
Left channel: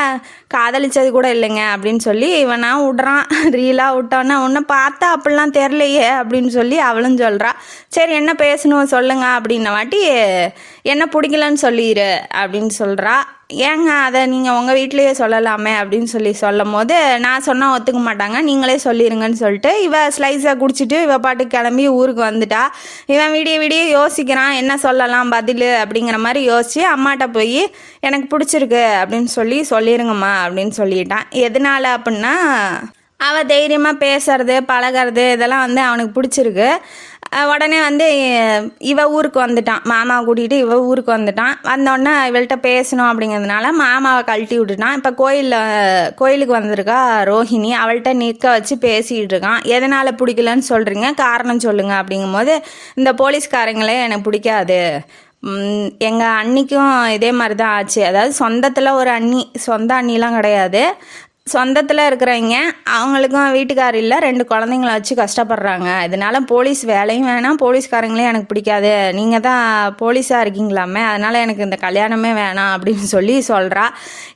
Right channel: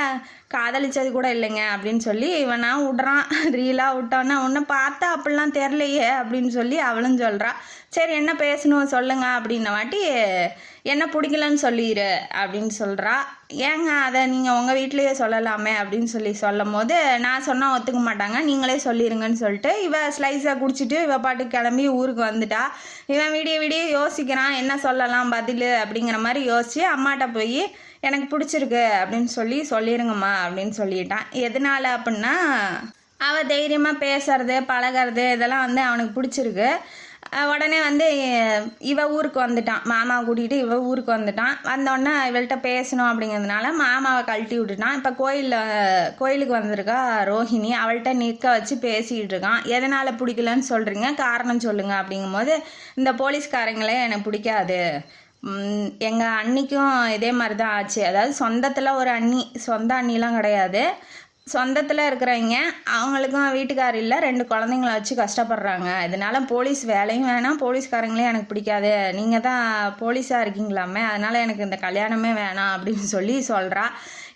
காதலிச்சது கூட இல்லைங்க அப்படின்னு சொல்லி இவனா விட்றான். ரீலாக விட்டோன்னா உன்னை பார்த்தா அப்படிலாம் தெரிலையே அப்படின்னு சொல்லி அவளும் சொல்கிறா. சரி என்ன பேசணும் சொல்லுங்க அப்படின்ன வாட்டி, என்ன பிடிக்கலன்னு சொல்லிடு அப்படின்னு சொல்கிறா. ஏங்க அதை நீங்கள் உங்கள் வீட்லேயே சொல்லலாமே அப்படின்னு சொல்லி சொல்லும் போது, நான் சொன்னால் ஒத்துக்க மாட்டாங்க, நீங்களே சொல்லிடுங்கன்னு சொல்லிட்டு இவன் ஸ்லைஸை குடிச்சிட்டு இவ பாட்டு கிளம்பி ஊருக்கு வந்துட்டா. இவன் விடிய யோசிக்கிறான் என்ன சொல்லலாம் பதில் அப்படிங்கிற மாதிரி யோசித்து அம்மாட்ட போய் எனக்கு பிடிச்சிருக்கு அப்படின்னு சொல்லிடுங்கம்மா அப்படின்னு சொல்லிட்டான். எதனால் அப்படின்னா அவள் தைரியமாக பேசுறது பழகிறது இதெல்லாம் வந்து அவனுக்கு பிடிச்சிருக்கு. உடனே வந்து இவ ஊருக்கு வந்துட்டான், மாமாவை கூட்டிகிட்டு இவ ஊருக்கு வந்துட்டான். வந்தோடனே இவள்கிட்ட பேசணும் அப்படிங்கிறதுனால மாமாவை கழட்டி விட்டுட்டான். இப்போ கோயிலுக்கு வந்திருக்கா ரோஹிணி, அவள்கிட்ட நிற்க வச்சு பேசிகிட்டு இருக்கான். எதனால் பிடிக்கலன்னு சொல்கிறீங்க, காரணம் சொல்லுங்கள் அப்படிங்கும்போது, இந்த போலீஸ்காரங்களே எனக்கு பிடிக்காது, எங்கள் அண்ணிக்கும் இதே மாதிரி தான் ஆச்சு, அதாவது சொந்தத்தில் ஒரு அண்ணி, சொந்த அண்ணிலாம் கிடையாது, சொந்தத்தில் இருக்கிறவங்க அவங்களுக்கும் வீட்டுக்காரர் இல்லை, 2 குழந்தைங்கள வச்சு கஷ்டப்படுறாங்க, இதனால் போலீஸ் வேலையும் வேணாம், போலீஸ்காரங்களே எனக்கு பிடிக்காது, நீங்கள் தான் போலீஸாக இருக்கீங்களாமே, அதனால் எனக்கு இந்த கல்யாணமே வேணாம் அப்படின்னு சொல்கிறா.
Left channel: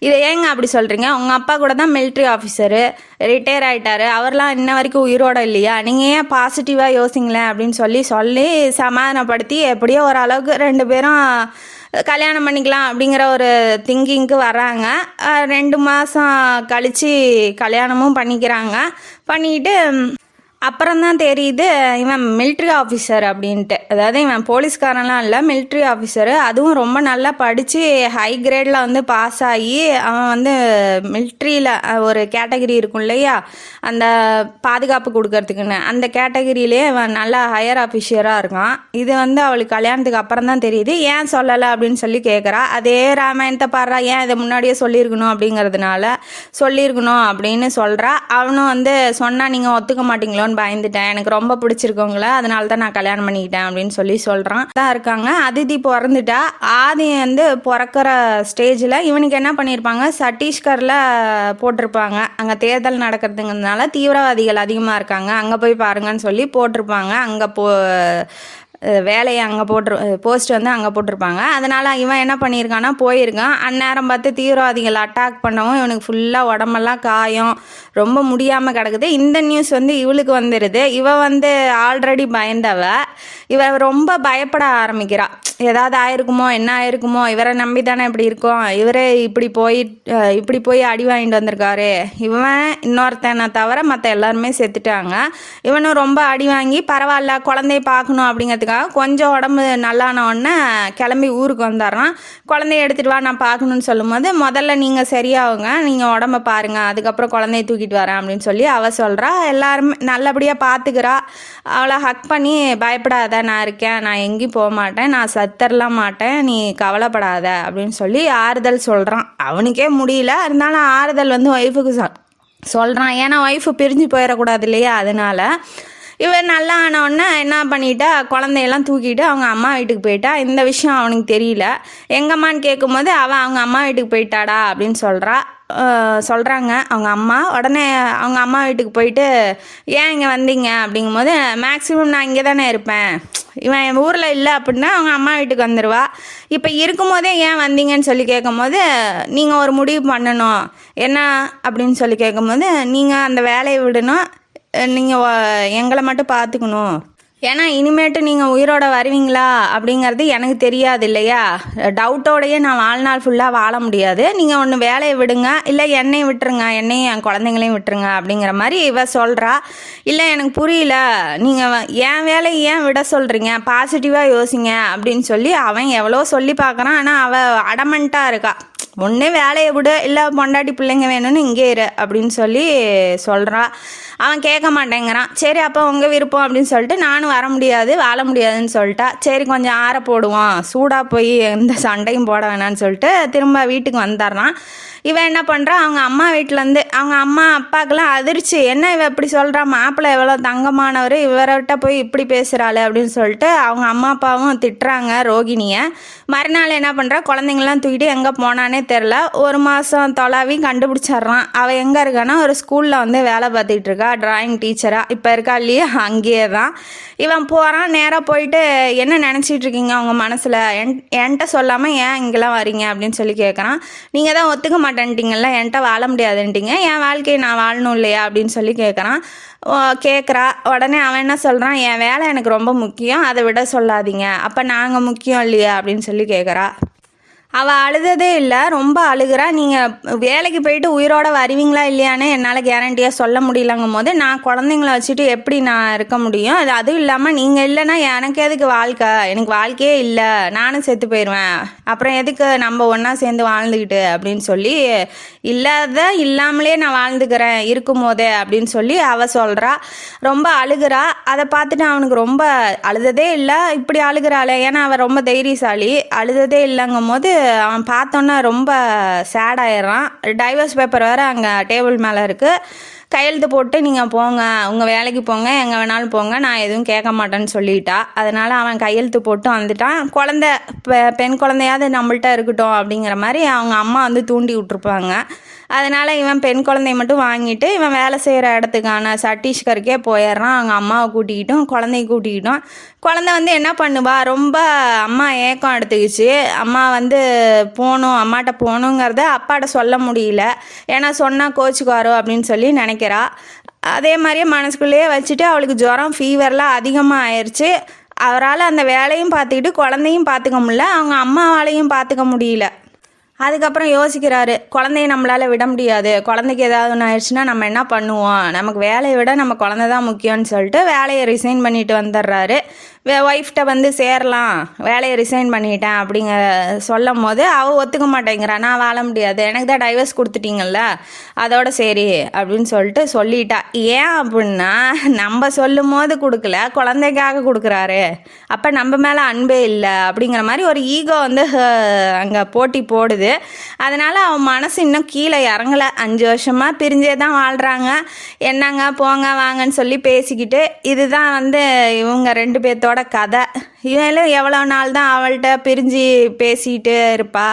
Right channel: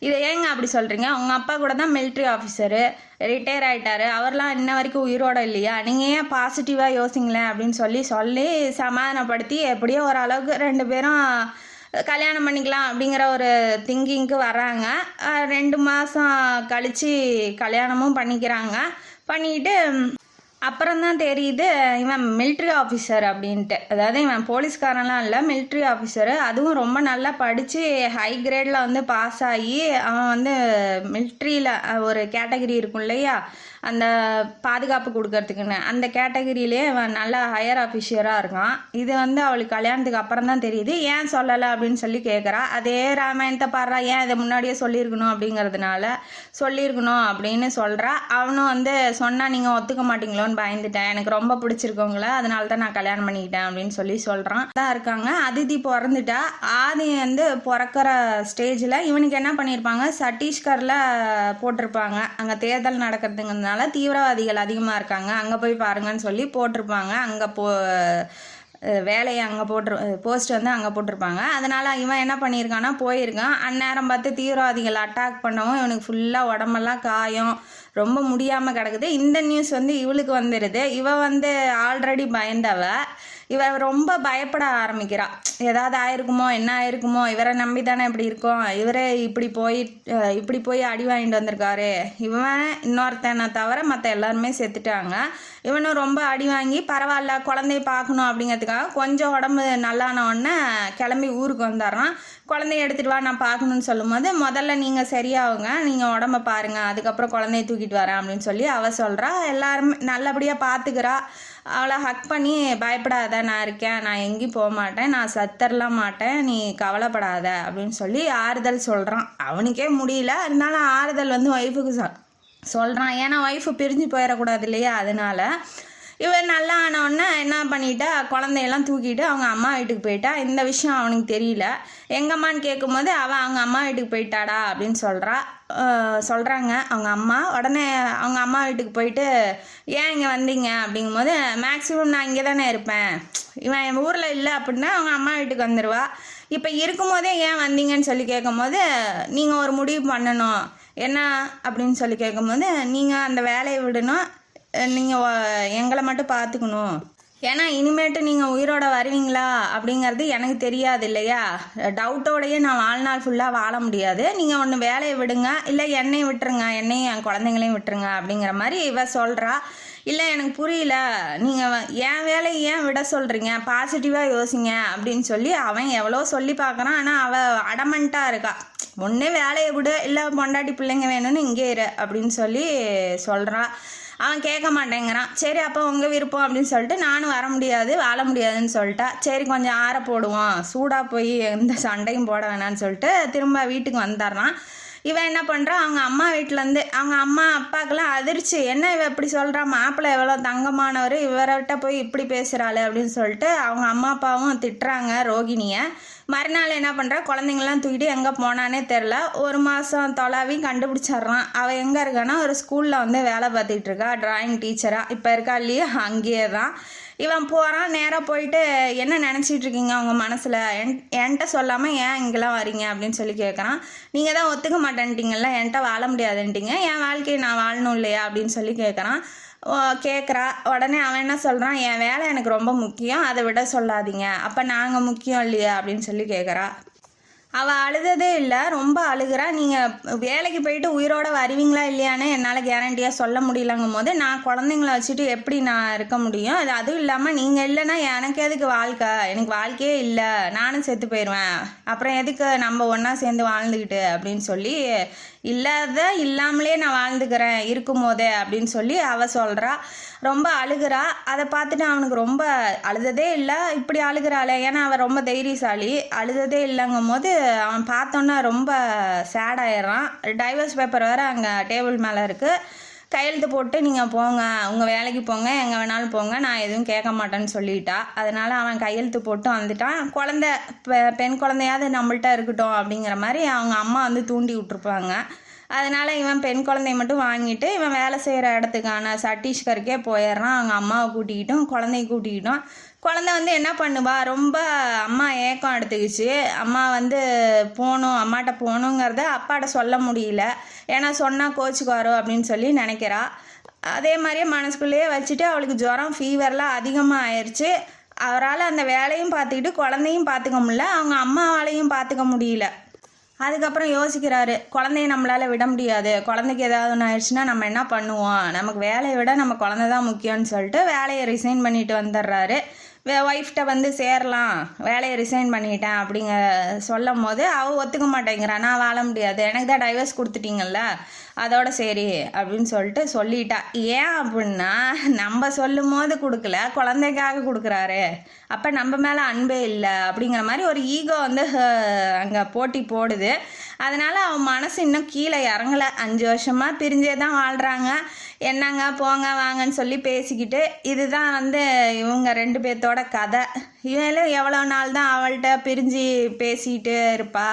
இதை ஏங்க அப்படி சொல்கிறீங்க, உங்கள் அப்பா கூட தான் மிலிட்ரி ஆஃபீஸரு, ரிட்டையர் ஆகிட்டாரு, அவர்லாம் இன்ன வரைக்கும் உயிரோடு இல்லையா, நீங்கள் ஏன் பாசிட்டிவாக யோசிங்களேன் அப்படின்னு சொல்லி சமாதானப்படுத்தி எப்படியோ ஓரளவுக்கு 2 பேரும் கல்யாணம் பண்ணிக்கலாம் அப்படிங்கிற ஒரு திங்கிங்க்கு வராங்க. 2 மாதம் கழித்து கல்யாணமும் பண்ணிக்கிட்டு அப்புறம்தான் தெரியுது இவன் மிலிட்ரி ஆஃபீஸர் அப்படின்ட்டு. அதாவது இவன் போலீஸ்காரன்லாம் இல்லை, மிலிட்ரி ஆஃபீஸரு, அதுவும் ரொம்ப நல்லா படித்து ஹை கிரேடில் வந்து பாஸ் ஆகி அவன் வந்து மிலிட்ரியில் ஒரு கேட்டகிரி இருக்கும் இல்லையா, அந்த பாதுகாப்பு கொடுக்கறதுக்குன்னு, அந்த கேட்டகிரியிலே இவன் நல்லா ஹையர் ஆஃபீஸராக இருக்கான். இது வந்து அவளுக்கு கல்யாணத்துக்கு அப்புறம் தான் தெரியுது. ஏன் சொல்லலை அப்படின்னு சொல்லி கேட்குறா. அதே ராமாயணத்தை பாடுறா, ஏன் இதை முன்னாடியே சொல்லியிருக்கணும் அப்படிங்கிறதுனால சொல்லியிருக்கணும் அப்படின்னு சொல்கிறா. அவனும் வந்து சொன்னால் நீங்கள் ஒத்துக்க மாட்டீங்களோ பயந்துட்டேன், எனக்கு ரொம்ப பிடிச்சிருக்கவங்கள, அதனால தான் நான் கல்யாணம் பண்ணிக்கிட்டேன் அப்படின்னு சொல்கிறான். தான் இருக்காங்க. அதிதி பிறந்துட்டா. ஆதி வந்து பிறக்கிற ஸ்டேஜில் இவனுக்கு என்ன பண்ணியிருப்பாங்க, சத்தீஸ்கரில் போட்டிருப்பாங்க, அங்கே தேர்தல் நடக்கிறதுங்கிறதுனால தீவிரவாதிகள் அதிகமாக இருக்காங்க, அங்கே போய் பாருங்கன்னு சொல்லி போட்டிருப்பாங்க. அங்கே வேலையை அங்கே போஸ்ட் வந்து அங்கே போட்டிருப்பாங்க. அதனால் இவன் என்ன பண்ணியிருக்கான்னா போயிருக்கான். அந்நேரம் பார்த்து தீவிரவாதிகள் அட்டாக் பண்ணவும் இவனுக்கு ஃபுல்லாக உடம்பெல்லாம் காயம், ரொம்ப முடியாமல் கிடக்குது. இந்த நியூஸ் வந்து இவளுக்கு வந்துடுது. இவ வந்து ஆல்ரெடி பயந்தவ. இவ ரொம்ப பயப்பட ஆரம்பிக்கிறா. ஏதாவது ஆயிருக்குமோ, என்ன ஆயிருக்குமோ, இவரை நம்பி தானே இப்படி இருக்கோம், இவரே இப்படி போய் அடி வாங்கிட்டு வந்திருக்காரு, இவன் இன்னொருத்தனை தவிர மற்ற எல்லாருமே செத்துட்டாங்க, இவனும் ரொம்ப அடி வாங்கி பரவாயில்ல குழந்தைய பார்க்கணும் அப்படிங்கிறதுக்காக கொஞ்சம் உடம்பு நல்லான உடனே கிளம்பி ஊருக்கு வந்துடுறான். குழந்தைய எடுத்துகிட்டு வா நான் பார்க்கணுன்னு சொல்லும்போது, முதல்ல நீங்கள் சரியாகுங்க, நீங்கள் உடம்ப பாருங்கள், அதுக்கப்புறம் குழந்தைய தூக்கிட்டு வரேன் அப்படின்னு சொல்லி அவள் சொல்கிறா. எல்லாருமே நல்லபடியாக பார்த்துக்கிறா. அவளை ஹக் பண்ணி, பயப்படாத, நான் இருக்கேன், நான் எங்கேயும் போக மாட்டேன், நான் சத்தரலாம் மாட்டேன், நீ கவலைப்படாத அப்படின்னு சொல்லி ஆறுதல் சொல்கிறான். அவனுக்கே முடியல, இருந்தாலும் ஆறுதல் வந்து ஒய்ஃபுக்கு சொல்கிறான். ஏன்னா ஒய்ஃபு பிரிஞ்சு போயிடக்கூடாது இல்லையா, அதனால். இவன் நல்லா ஆனவுடனே என்ன பண்ணிட்டா, குழந்தையெல்லாம் தூக்கிட்டு அவங்க அம்மா வீட்டுக்கு போயிட்டா. இந்த விஷயம் அவனுக்கு தெரியல. எங்கம்மான்னு கேட்கும்போது அவன் அவங்க அம்மா வீட்டுக்கு போயிட்டாடா அப்படின்னு சொல்கிறாங்க அவங்க அம்மா. உடனே அவங்க அம்மா வீட்டுக்கு போயிட்டு, ஏன் இங்கே வந்தீங்க அப்படிங்கும்போது, மேக்ஸிமம் நான் இங்கே தானே இருப்பேன், இவன் என் ஊரில் இல்லை அப்படின்னா அவங்க அம்மா வீட்டுக்கு வந்துடுவா, இப்போ இருக்கும்போதே ஏன் வந்தீங்கன்னு சொல்லி கேட்கும்போது, நீங்கள் ஒரு முடிவு பண்ணணும், என்ன அப்படின்னு சொல்லி கேட்கும்போது, நீங்கள் அந்த வேலையை விடணும், நீங்கள் எங்களை மட்டும் பார்த்துக்கணும், ஏன்னா இனிமேட்டு நீங்கள் உயிரோட வருவீங்களா அப்படிங்கிறது எனக்கு தெரியாது இல்லையா, டவுட்டோடையே நான் வாழ்நாள் ஃபுல்லாக வாழ முடியாது, நீங்கள் ஒன்று வேலையை விடுங்க, இல்லை என்னையும் விட்டுருங்க, என்னையும் என் குழந்தைங்களையும் விட்டுருங்க அப்படிங்கிற மாதிரி இவ சொல்கிறா. இல்லை எனக்கு புரியல, நீங்கள் என் வேலையை ஏன் விட சொல்கிறீங்க, பாசிட்டிவாக யோசிங்க அப்படின்னு சொல்லி அவன் எவ்வளோ சொல்லி பார்க்குறான். ஆனால் அவள் அடமெண்ட்டாக இருக்கா. ஒன்று வேலையை விடு, இல்லை பொண்டாட்டி பிள்ளைங்க வேணும்னு இங்கே இரு அப்படின்னு சொல்லி சொல்கிறா. அவன் கேட்க மாட்டேங்கிறான். சரி அப்போ உங்கள் விருப்பம் அப்படின்னு சொல்லிட்டு, நானும் வர முடியாது வாழ முடியாதுன்னு சொல்லிட்டா. சரி கொஞ்சம் ஆற போடுவோம், சூடாக போய் எந்த சண்டையும் போட வேணான்னு சொல்லிட்டு திரும்ப வீட்டுக்கு வந்துடுறான். இவன் என்ன பண்ணுறான், அவங்க அம்மா வீட்டிலேருந்து அவங்க அம்மா அப்பாக்கெல்லாம் அதிர்ச்சி, என்ன இவ இப்படி சொல்கிறான், மாப்பிள்ளை எவ்வளோ தங்கமானவர், இவர்கிட்ட போய் இப்படி பேசுகிறாள் அப்படின்னு சொல்லிட்டு அவங்க அம்மா அப்பாவும் திட்டுறாங்க ரோகிணியை. மறுநாள் என்ன பண்ணுறா, குழந்தைங்களாம் தூக்கிட்டு எங்கே போனானே தெரில. ஒரு மாதம் தொலாவி கண்டுபிடிச்சிட்றான். அவள் எங்கே இருக்கான்னா ஒரு ஸ்கூலில் வந்து வேலை பார்த்துக்கிட்டு இருக்கா, டிராயிங் டீச்சராக இப்போ இருக்கா இல்லையா, அங்கேயே தான். இவன் போகிறான். நேராக போயிட்டு, என்ன நினச்சிட்டு இருக்கீங்க அவங்க மனசில், என்கிட்ட சொல்லாமல் ஏன் இங்கெல்லாம் வரீங்க அப்படின்னு சொல்லி கேட்குறான். நீங்கள் தான் ஒத்துக்க மாட்டேன்ட்டிங்கல்ல, என்கிட்ட வாழ முடியாதுன்ட்டிங்க, என் வாழ்க்கையை நான் வாழணும் இல்லையா அப்படின்னு சொல்லி கேட்குறா. உடனே அவன் என்ன சொல்கிறான், என் வேலை எனக்கு ரொம்ப முக்கியம், அதை விட சொல்லாதீங்க, அப்போ நாங்கள் முக்கியம் இல்லையா அப்படின்னு சொல்லி கேட்குறா. அவள் அழுததே இல்லை, ரொம்ப அழுகிறா. நீங்கள் வேலைக்கு போயிட்டு உயிரோட வருவீங்களா இல்லையான்னு என்னால் கேரண்டியாக சொல்ல முடியலங்கும் போது, நான் குழந்தைங்கள வச்சுட்டு எப்படி நான் இருக்க முடியும், அதுவும் இல்லாமல் நீங்கள் இல்லைன்னா எனக்கு எதுக்கு வாழ்க்கை, எனக்கு வாழ்க்கையே இல்லை, நானும் செத்து போயிடுவேன், அப்புறம் எதுக்கு நம்ம ஒன்றா சேர்ந்து வாழ்ந்துக்கிட்டு அப்படின்னு சொல்லி, இல்லாமலே நான் வாழ்ந்துக்கிறேன் இருக்கும் போதே அப்படின்னு சொல்லி அவள் சொல்கிறா. ரொம்ப அழுகிறா. அதை பார்த்துட்டு அவனுக்கு ரொம்ப, அழுததே இல்லை இப்படி அழுகிறாளே, ஏன்னா அவள் ரொம்ப தைரியசாலி, அழுததே இல்லைங்கும் போது அவன் பார்த்தோன்னா ரொம்ப சேட் ஆயிடுறான். டைவர்ஸ் பேப்பர் வேறு அங்கே டேபிள் மேலே இருக்குது. கையெழுத்து போட்டு நீங்கள் போங்க, உங்கள் வேலைக்கு போங்க, எங்கே வேணாலும் போங்க, நான் எதுவும் கேட்க மாட்டேன்னு சொல்லிட்டா. அதனால் அவன் கையெழுத்து போட்டு வந்துட்டான். பெண் குழந்தையாவது நம்மள்ட்ட இருக்கட்டும் அப்படிங்கிற மாதிரி அவங்க அம்மா வந்து தூண்டி விட்டுருப்பாங்க. அதனால் இவன் பெண் குழந்தைய மட்டும் வாங்கிட்டு இவன் வேலை செய்கிற இடத்துக்கான சத்தீஸ்கருக்கே போயிடுறான். அவங்க அம்மாவை கூட்டிக்கிட்டும் குழந்தைய கூட்டிக்கிட்டோம். குழந்தை வந்து என்ன பண்ணுவா, ரொம்ப அம்மா ஏக்கம் எடுத்துக்கிச்சு. அம்மா வந்து அம்மாட்ட போகணுங்கிறத அப்பாட்ட சொல்ல முடியல, ஏன்னா சொன்னால் கோச்சுக்காரோ அப்படின்னு சொல்லி நினைக்கிறா. அதே மாதிரியே மனசுக்குள்ளேயே வச்சுட்டு அவளுக்கு ஜுரம் ஃபீவர்லாம் அதிகமாக ஆயிடுச்சு. அவரால் அந்த வேலையும் பார்த்துக்கிட்டு குழந்தையும் பார்த்துக்க முடியல, அவங்க அம்மாவாலையும் பார்த்துக்க முடியல. அதுக்கப்புறம் யோசிக்கிறாரு, குழந்தைய நம்மளால் விட முடியாது, குழந்தைக்கு ஏதாவது ஒன்று ஆயிடுச்சுன்னா நம்ம என்ன பண்ணுவோம், நமக்கு வேலையை விட நம்ம குழந்தை தான் முக்கியம்னு சொல்லிட்டு வேலையை ரிசைன் பண்ணிட்டு வந்துடுறாரு. ஒய்ஃப்ட்ட வந்து சேரலாம், வேலையை ரிசைன் பண்ணிட்டேன் அப்படிங்க சொல்லும் போது அவள் ஒத்துக்க மாட்டேங்கிறா. நான் வாழ முடியாது, எனக்கு தான் டைவர்ஸ் கொடுத்துட்டீங்கல்ல, அதோட சரி அப்படின்னு சொல்லிட்டா. ஏன் அப்படின்னா, நம்ம சொல்லும் போது கொடுக்கல, குழந்தைக்காக கொடுக்குறாரு, அப்போ நம்ம மேலே அன்பே இல்லை அப்படிங்கிற மாதிரி ஒரு ஈகோ வந்து அங்கே போட்டி போடுது. அதனால் அவன் மனசு இன்னும் கீழே இறங்கலை. 5 வருஷமாக பிரிஞ்சே தான் வாழ்கிறாங்க. என்னங்க போங்க வாங்கன்னு சொல்லி பேசிக்கிட்டு, இதுதான் வந்து இவங்க 2 பேர்த்தோட கதை. இவளும் எவ்வளோ நாள் தான் அவள்கிட்ட பிரிஞ்சு பேசிகிட்டு இருப்பா.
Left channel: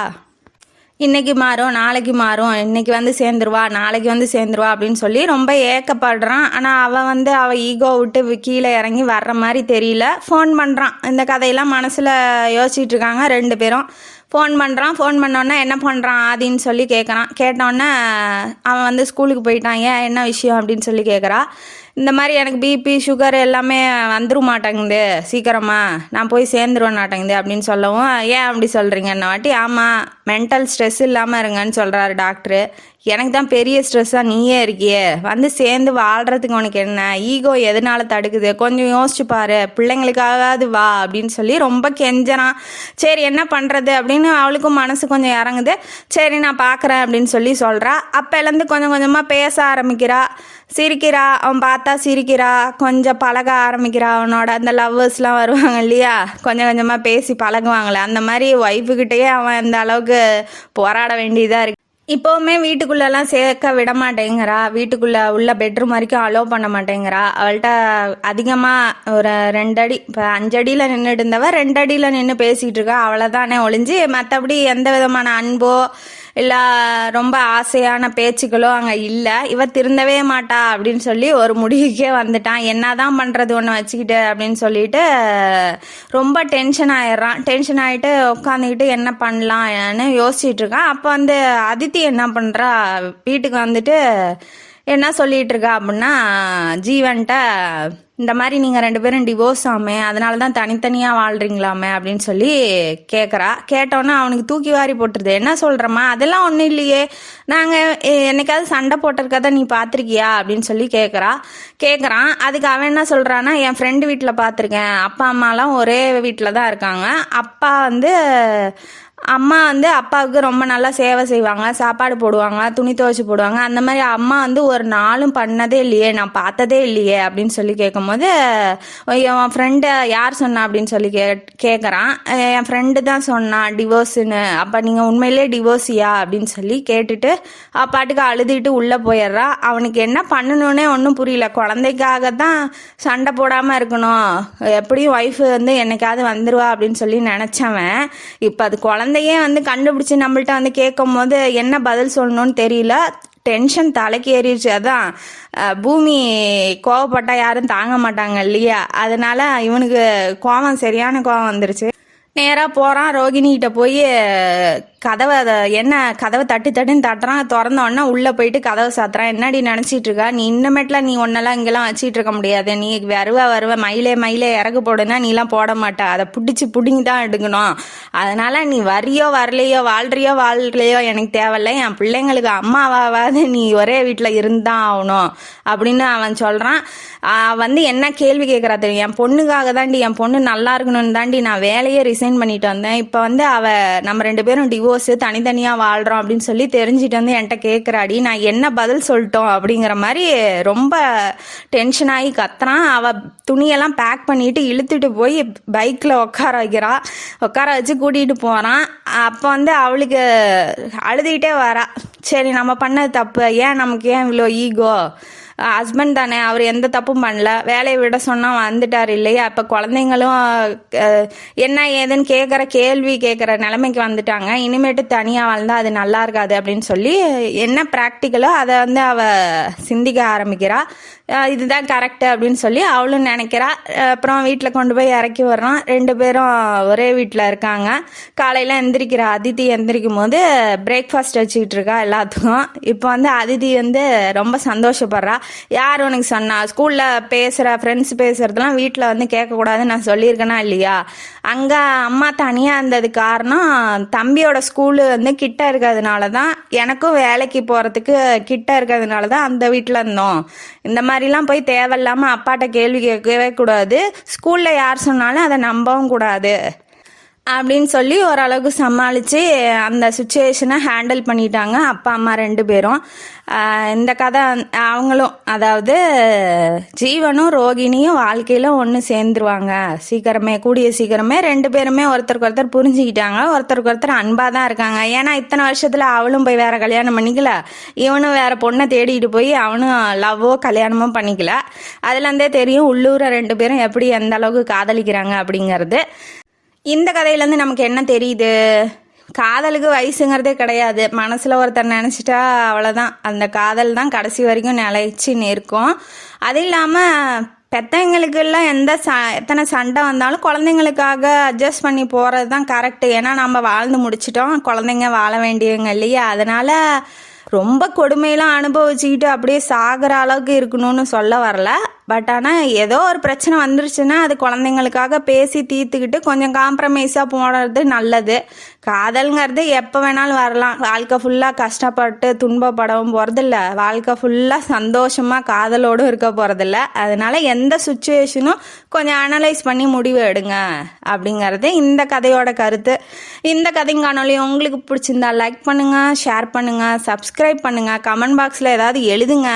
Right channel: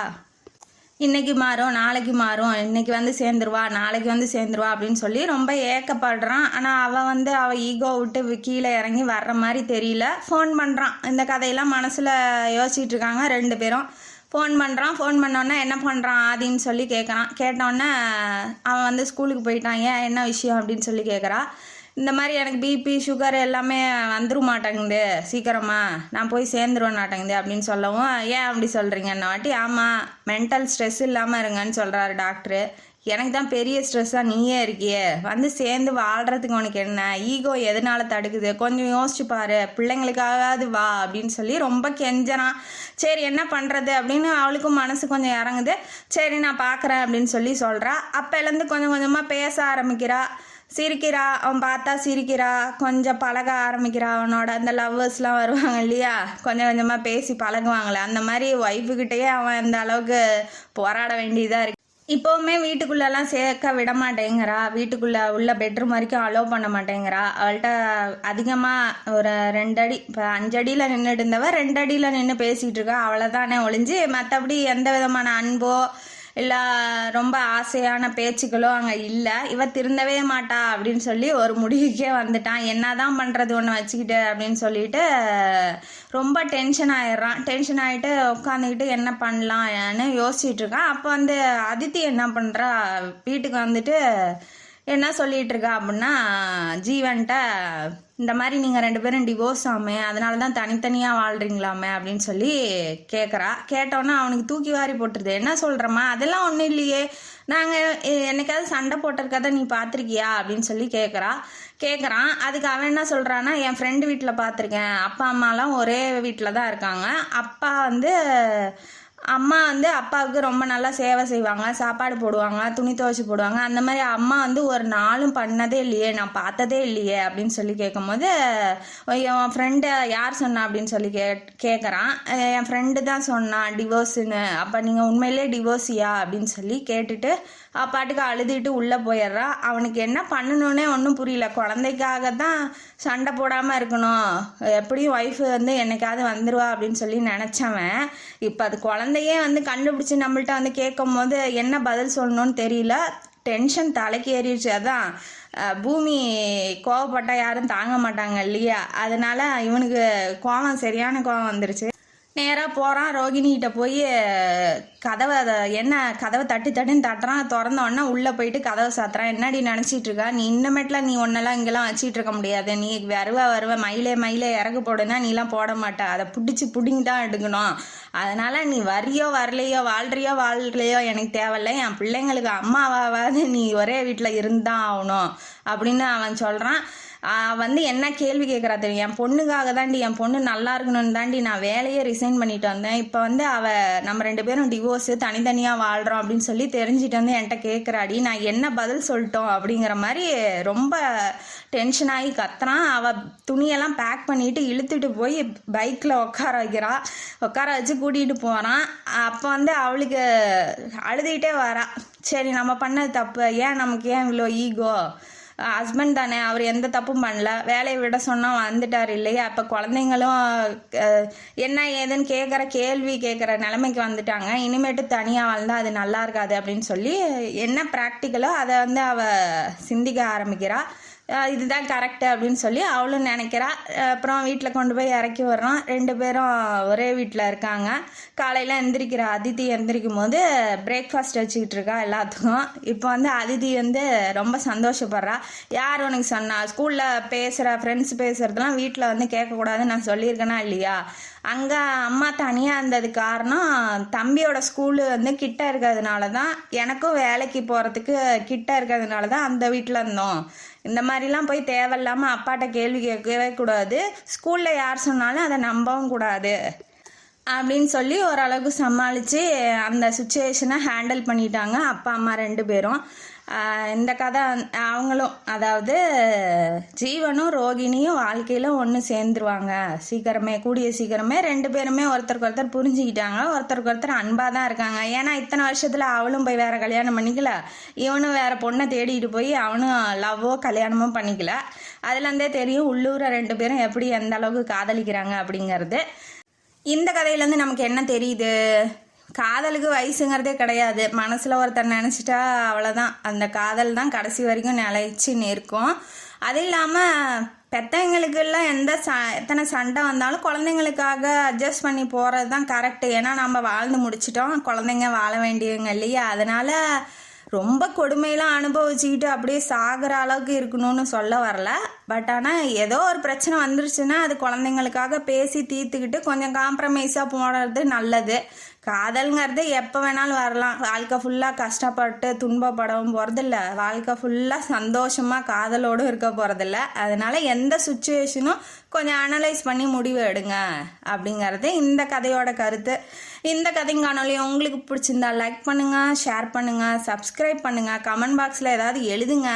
இன்றைக்கி மாறும், நாளைக்கு மாறும், இன்றைக்கி வந்து சேர்ந்துருவா, நாளைக்கு வந்து சேர்ந்துருவா அப்படின்னு சொல்லி ரொம்ப ஏக்கப்படுறான். ஆனால் அவள் ஈகோ விட்டு கீழே இறங்கி வர்ற மாதிரி தெரியல. ஃபோன் பண்ணுறான். இந்த கதையெல்லாம் மனசில் யோசிச்சுட்டு இருக்காங்க 2 பேரும். ஃபோன் பண்ணுறான். ஃபோன் பண்ணோன்னே என்ன பண்ணுறான் ஆதின்னு சொல்லி கேட்குறான். கேட்டோன்னே அவன் வந்து ஸ்கூலுக்கு போயிட்டான். ஏன் என்ன விஷயம் அப்படின்னு சொல்லி கேட்குறா. இந்த மாதிரி எனக்கு பிபி சுகர் எல்லாமே வந்துடும் மாட்டேங்குது சீக்கிரமாக, நான் போய் சேர்ந்துருவேன் மாட்டேங்குது அப்படின்னு சொல்லவும், ஏன் அப்படி சொல்கிறீங்க என்ன வாட்டி. ஆமாம், மென்டல் ஸ்ட்ரெஸ் இல்லாமல் இருங்கன்னு சொல்கிறாரு டாக்டரு. எனக்கு தான் பெரிய ஸ்ட்ரெஸ்ஸாக நீயே இருக்கியே, வந்து சேர்ந்து வாழ்கிறதுக்கு உனக்கு என்ன, ஈகோ எதனால தடுக்குது, கொஞ்சம் யோசிச்சு பாரு, பிள்ளைங்களுக்காகாது வா அப்படின்னு சொல்லி ரொம்ப கெஞ்சறான். சரி என்ன பண்ணுறது அப்படின்னு அவளுக்கும் மனசு கொஞ்சம் இறங்குது. சரி நான் பார்க்குறேன் அப்படின்னு சொல்லி சொல்கிறா. அப்போலேருந்து கொஞ்சம் கொஞ்சமாக பேச ஆரம்பிக்கிறா, சிரிக்கிறா. அவன் பார்த்தா சிரிக்கிறா, கொஞ்சம் பழக ஆரம்பிக்கிறா. அவனோட அந்த லவ்வர்ஸ்லாம் வருவாங்க இல்லையா, கொஞ்சம் கொஞ்சமாக பேசி பழகுவாங்களே, அந்த மாதிரி ஒய்ஃபுக்கிட்டேயே அவன் இந்த அளவுக்கு போராட வேண்டியதாக இருக்கு. இப்போவுமே வீட்டுக்குள்ளெல்லாம் சேர்க்க விட மாட்டேங்கிறா. வீட்டுக்குள்ளே உள்ள பெட்ரூம் வரைக்கும் அலோவ் பண்ண மாட்டேங்கிறா. அவள்கிட்ட அதிகமாக ஒரு 2 அடி, இப்போ 5 அடியில் நின்றுட்டு இருந்தவ 2 அடியில் நின்று பேசிகிட்டு இருக்கா. அவ்வளோதானே ஒழிஞ்சு மற்றபடி எந்த விதமான அன்போ இல்லை ரொம்ப ஆசையான பேச்சுக்களோ அங்கே இல்லை. இவ திருந்தவே மாட்டா அப்படின்னு சொல்லி ஒரு முடிவுக்கே வந்துட்டான். என்ன தான் பண்ணுறது ஒன்று வச்சுக்கிட்டு அப்படின்னு சொல்லிட்டு ரொம்ப டென்ஷன் ஆயிடுறான். டென்ஷன் ஆகிட்டு உட்காந்துக்கிட்டு என்ன பண்ணலாம்னு யோசிச்சுட்டு இருக்கான். அப்போ வந்து அதித்தி என்ன பண்ணுறா, வீட்டுக்கு வந்துட்டு என்ன சொல்லிகிட்டு இருக்கா அப்படின்னா, ஜீவன்ட்ட இந்த மாதிரி நீங்கள் 2 பேரும் டிவோர்ஸ் ஆமே, அதனால தான் தனித்தனியாக வாழ்கிறீங்களாமே அப்படின்னு சொல்லி கேட்குறா. கேட்டோன்னே அவனுக்கு தூக்கி வாரி போட்டுருது. என்ன சொல்கிறம்மா, அதெல்லாம் ஒன்றும் இல்லையே, நாங்கள் என்னைக்காவது சண்டை போட்டிருக்கதை நீ பார்த்துருக்கியா அப்படின்னு சொல்லி கேட்குறான். அதுக்கு அவன் என்ன சொல்கிறான்னா, என் ஃப்ரெண்டு வீட்டில் பார்த்துருக்கேன், அப்பா அம்மாலாம் ஒரே வீட்டில் தான் இருக்காங்க. அம்மா வந்து அப்பாவுக்கு ரொம்ப நல்லா சேவை செய்வாங்க, சாப்பாடு போடுவாங்க, துணி துவைச்சி போடுவாங்க. அந்த மாதிரி அம்மா வந்து ஒரு நாளும் பண்ணதே இல்லையே, நான் பார்த்ததே இல்லையே அப்படின்னு சொல்லி கேட்கும்போது, என் ஃப்ரெண்டை யார் சொன்னா அப்படின்னு சொல்லி கேட்குறான். என் ஃப்ரெண்டு தான் சொன்னான் டிவோர்ஸுன்னு. அப்போ நீங்கள் உண்மையிலே டிவோர்ஸியா அப்படின்னு சொல்லி கேட்டுட்டு அப்பாட்டுக்கு அழுதுகிட்டு உள்ளே போயிடுறா. அவனுக்கு என்ன பண்ணணுன்னே ஒன்றும் புரியல. குழந்தைக்காக தான் சண்டை போடாமல் இருக்கணும், எப்படியும் ஒய்ஃபு வந்து என்னைக்காவது வந்துடுவா அப்படின்னு சொல்லி நினச்சவன், இப்போ அது குழந்தையே வந்து கண்டுபிடிச்சி நம்மள்ட்ட வந்து கேட்கும் போது என்ன பதில் சொல்லணும்னு தெரியல. டென்ஷன் தலைக்கு ஏறிடுச்சு. அதான் பூமி கோவப்பட்டா யாரும் தாங்க மாட்டாங்க இல்லையா, அதனால இவனுக்கு சரியான கோவம் வந்துருச்சு. நேராக போகிறான். ரோகிணிகிட்ட போய் கதவை தட்டுன்னு தட்டுறான். திறந்தோடனே உள்ளே போயிட்டு கதவை சாத்துறான். என்னடி நினச்சிட்டு இருக்கா நீ, இன்னமேட்டில் நீ ஒன்னெல்லாம் இங்கெல்லாம் வச்சிட்டு இருக்க முடியாது, நீ வருவ மயிலே இறகு போடுனா நீலாம் போட மாட்டா, அதை பிடிங்கி தான் எடுக்கணும், அதனால நீ வரியோ வரலையோ வாழ்றியோ எனக்கு தேவையில்லை, என் பிள்ளைங்களுக்கு அம்மாவாவது நீ ஒரே வீட்டில் இருந்தான் ஆகணும் அப்படின்னு அவன் சொல்கிறான். வந்து என்ன கேள்வி கேட்குறா தெரியும், என் பொண்ணுக்காக தாண்டி, என் பொண்ணு நல்லா இருக்கணும்னு தாண்டி நான் வேலையே ரிசைன் பண்ணிட்டு வந்தேன், இப்போ வந்து நம்ம 2 பேரும் டிவோர்ஸு தனித்தனியாக வாழ்கிறோம் அப்படின்னு சொல்லி தெரிஞ்சுட்டு வந்து என்கிட்ட கேட்குறாடி, நான் என்ன பதில் சொல்லிட்டோம் அப்படிங்கிற மாதிரி ரொம்ப டென்ஷன் ஆகி கத்துறான். அவள் துணியெல்லாம் பேக் பண்ணிட்டு இழுத்துட்டு போய் பைக்கில் உட்கார வச்சு கூட்டிகிட்டு போகிறான். அப்போ வந்து அவளுக்கு அழுதுகிட்டே வரா. சரி நம்ம பண்ணது தப்பு, நமக்கு ஏன் இவ்வளோ ஈகோ, ஹஸ்பண்ட் தானே, அவர் எந்த தப்பும் பண்ணல, வேலையை விட சொன்னால் வந்துட்டார் இல்லையா, இப்போ குழந்தைங்களும் என்ன ஏதுன்னு கேட்குற நிலைமைக்கு வந்துட்டாங்க, இனிமேட்டு தனியாக வாழ்ந்தால் அது நல்லா இருக்காது அப்படின்னு சொல்லி என்ன ப்ராக்டிக்கலோ அதை வந்து அவள் சிந்திக்க ஆரம்பிக்கிறா. இதுதான் கரெக்டு அப்படின்னு சொல்லி அவளும் நினைக்கிறா. அப்புறம் வீட்டில் கொண்டு போய் இறக்கி வர்றான். 2 பேரும் ஒரே வீட்டில் இருக்காங்க. காலையில் அதித்தி எந்திரிக்கும் போது பிரேக்ஃபாஸ்ட் வச்சுக்கிட்டு இருக்கா எல்லாத்துக்கும். இப்போ வந்து அதித்தி வந்து ரொம்ப சந்தோஷப்படுறா. யார் உனக்கு சொன்னா, ஸ்கூலில் ஃப்ரெண்ட்ஸ் பேசுகிறதுலாம் வீட்டில் வந்து கேட்கக்கூடாதுன்னு நான் சொல்லியிருக்கேனா இல்லையா, அங்கே அம்மா தனியாக இருந்தது காரணம் தம்பியோட ஸ்கூலு வந்து கிட்ட இருக்கிறதுனால தான், எனக்கும் வேலைக்கு போகிறதுக்கு கிட்ட இருக்கிறதுனால தான் அந்த வீட்டில் இருந்தோம், இந்த மாதிரிலாம் போய் தேவையில்லாமல் அப்பாட்ட கேள்வி கேட்கவே கூடாது, ஸ்கூலில் யார் சொன்னாலும் அதை நம்பவும் கூடாது அப்படின்னு சொல்லி ஓரளவுக்கு சமாளித்து அந்த சுச்சுவேஷனை ஹேண்டில் பண்ணிட்டாங்க அப்பா அம்மா 2 பேரும். இந்த கதை அவங்களும், அதாவது ஜீவனும் ரோகிணியும் வாழ்க்கையில் ஒன்று சேர்ந்துருவாங்க கூடிய சீக்கிரமே. 2 பேருமே ஒருத்தருக்கு ஒருத்தர் புரிஞ்சுக்கிட்டாங்க, ஒருத்தருக்கு ஒருத்தர் அன்பாக தான் இருக்காங்க. ஏன்னா இத்தனை வருஷத்தில் அவளும் போய் வேறு கல்யாணம் பண்ணிக்கல, இவனும் வேறு பொண்ணை தேடிட்டு போய் அவனும் லவ்வோ கல்யாணமோ பண்ணிக்கல. அதுலேருந்தே தெரியும் உள்ளூரை 2 பேரும் எப்படி எந்த அளவுக்கு காதலிக்கிறாங்க அப்படிங்கிறது. இந்த கதையிலேருந்து நமக்கு என்ன தெரியுது, காதலுக்கு வயசுங்கிறதே கிடையாது, மனசில் ஒருத்தர் நினச்சிட்டா அவ்வளோதான், அந்த காதல் தான் கடைசி வரைக்கும் நிலைச்சி நிற்கும். அது இல்லாமல் பெற்றவங்களுக்கெல்லாம் எத்தனை சண்டை வந்தாலும் குழந்தைங்களுக்காக அட்ஜஸ்ட் பண்ணி போகிறது தான் கரெக்டு. ஏன்னா நம்ம வாழ்ந்து முடிச்சிட்டோம், குழந்தைங்க வாழ வேண்டியவங்க இல்லையா? அதனால் ரொம்ப கொடுமையெல்லாம் அனுபவிச்சுக்கிட்டு அப்படியே சாகிற அளவுக்கு இருக்கணும்னு சொல்ல வரல. பட் ஆனால் ஏதோ ஒரு பிரச்சனை வந்துருச்சுன்னா அது குழந்தைங்களுக்காக பேசி தீர்த்துக்கிட்டு கொஞ்சம் காம்ப்ரமைஸாக போடுறது நல்லது. காதல்ங்கிறது எப்போ வேணாலும் வரலாம். வாழ்க்கை ஃபுல்லாக கஷ்டப்பட்டு துன்பப்படவும் போகிறதில்ல, வாழ்க்கை ஃபுல்லாக சந்தோஷமாக காதலோடும் இருக்க போகிறதில்ல. அதனால் எந்த சுச்சுவேஷனும் கொஞ்சம் அனலைஸ் பண்ணி முடிவு எடுங்க அப்படிங்கிறது இந்த கதையோட கருத்து. இந்த கதையும் காணொலி உங்களுக்கு பிடிச்சிருந்தா லைக் பண்ணுங்கள், ஷேர் பண்ணுங்கள், சப்ஸ்கிரைப் பண்ணுங்கள், கமெண்ட் பாக்ஸில் ஏதாவது எழுதுங்க.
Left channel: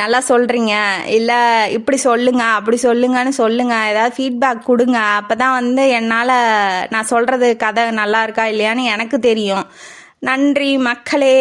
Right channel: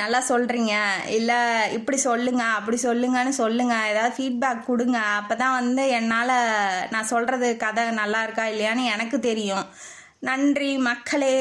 நல்லா சொல்கிறீங்க, இல்லை இப்படி சொல்லுங்க அப்படி சொல்லுங்கன்னு சொல்லுங்கள், ஏதாவது ஃபீட்பேக் கொடுங்க. அப்போ தான் என்னால் நான் சொல்கிறது கதை நல்லா இருக்கா இல்லையான்னு எனக்கு தெரியும். நன்றி மக்களே.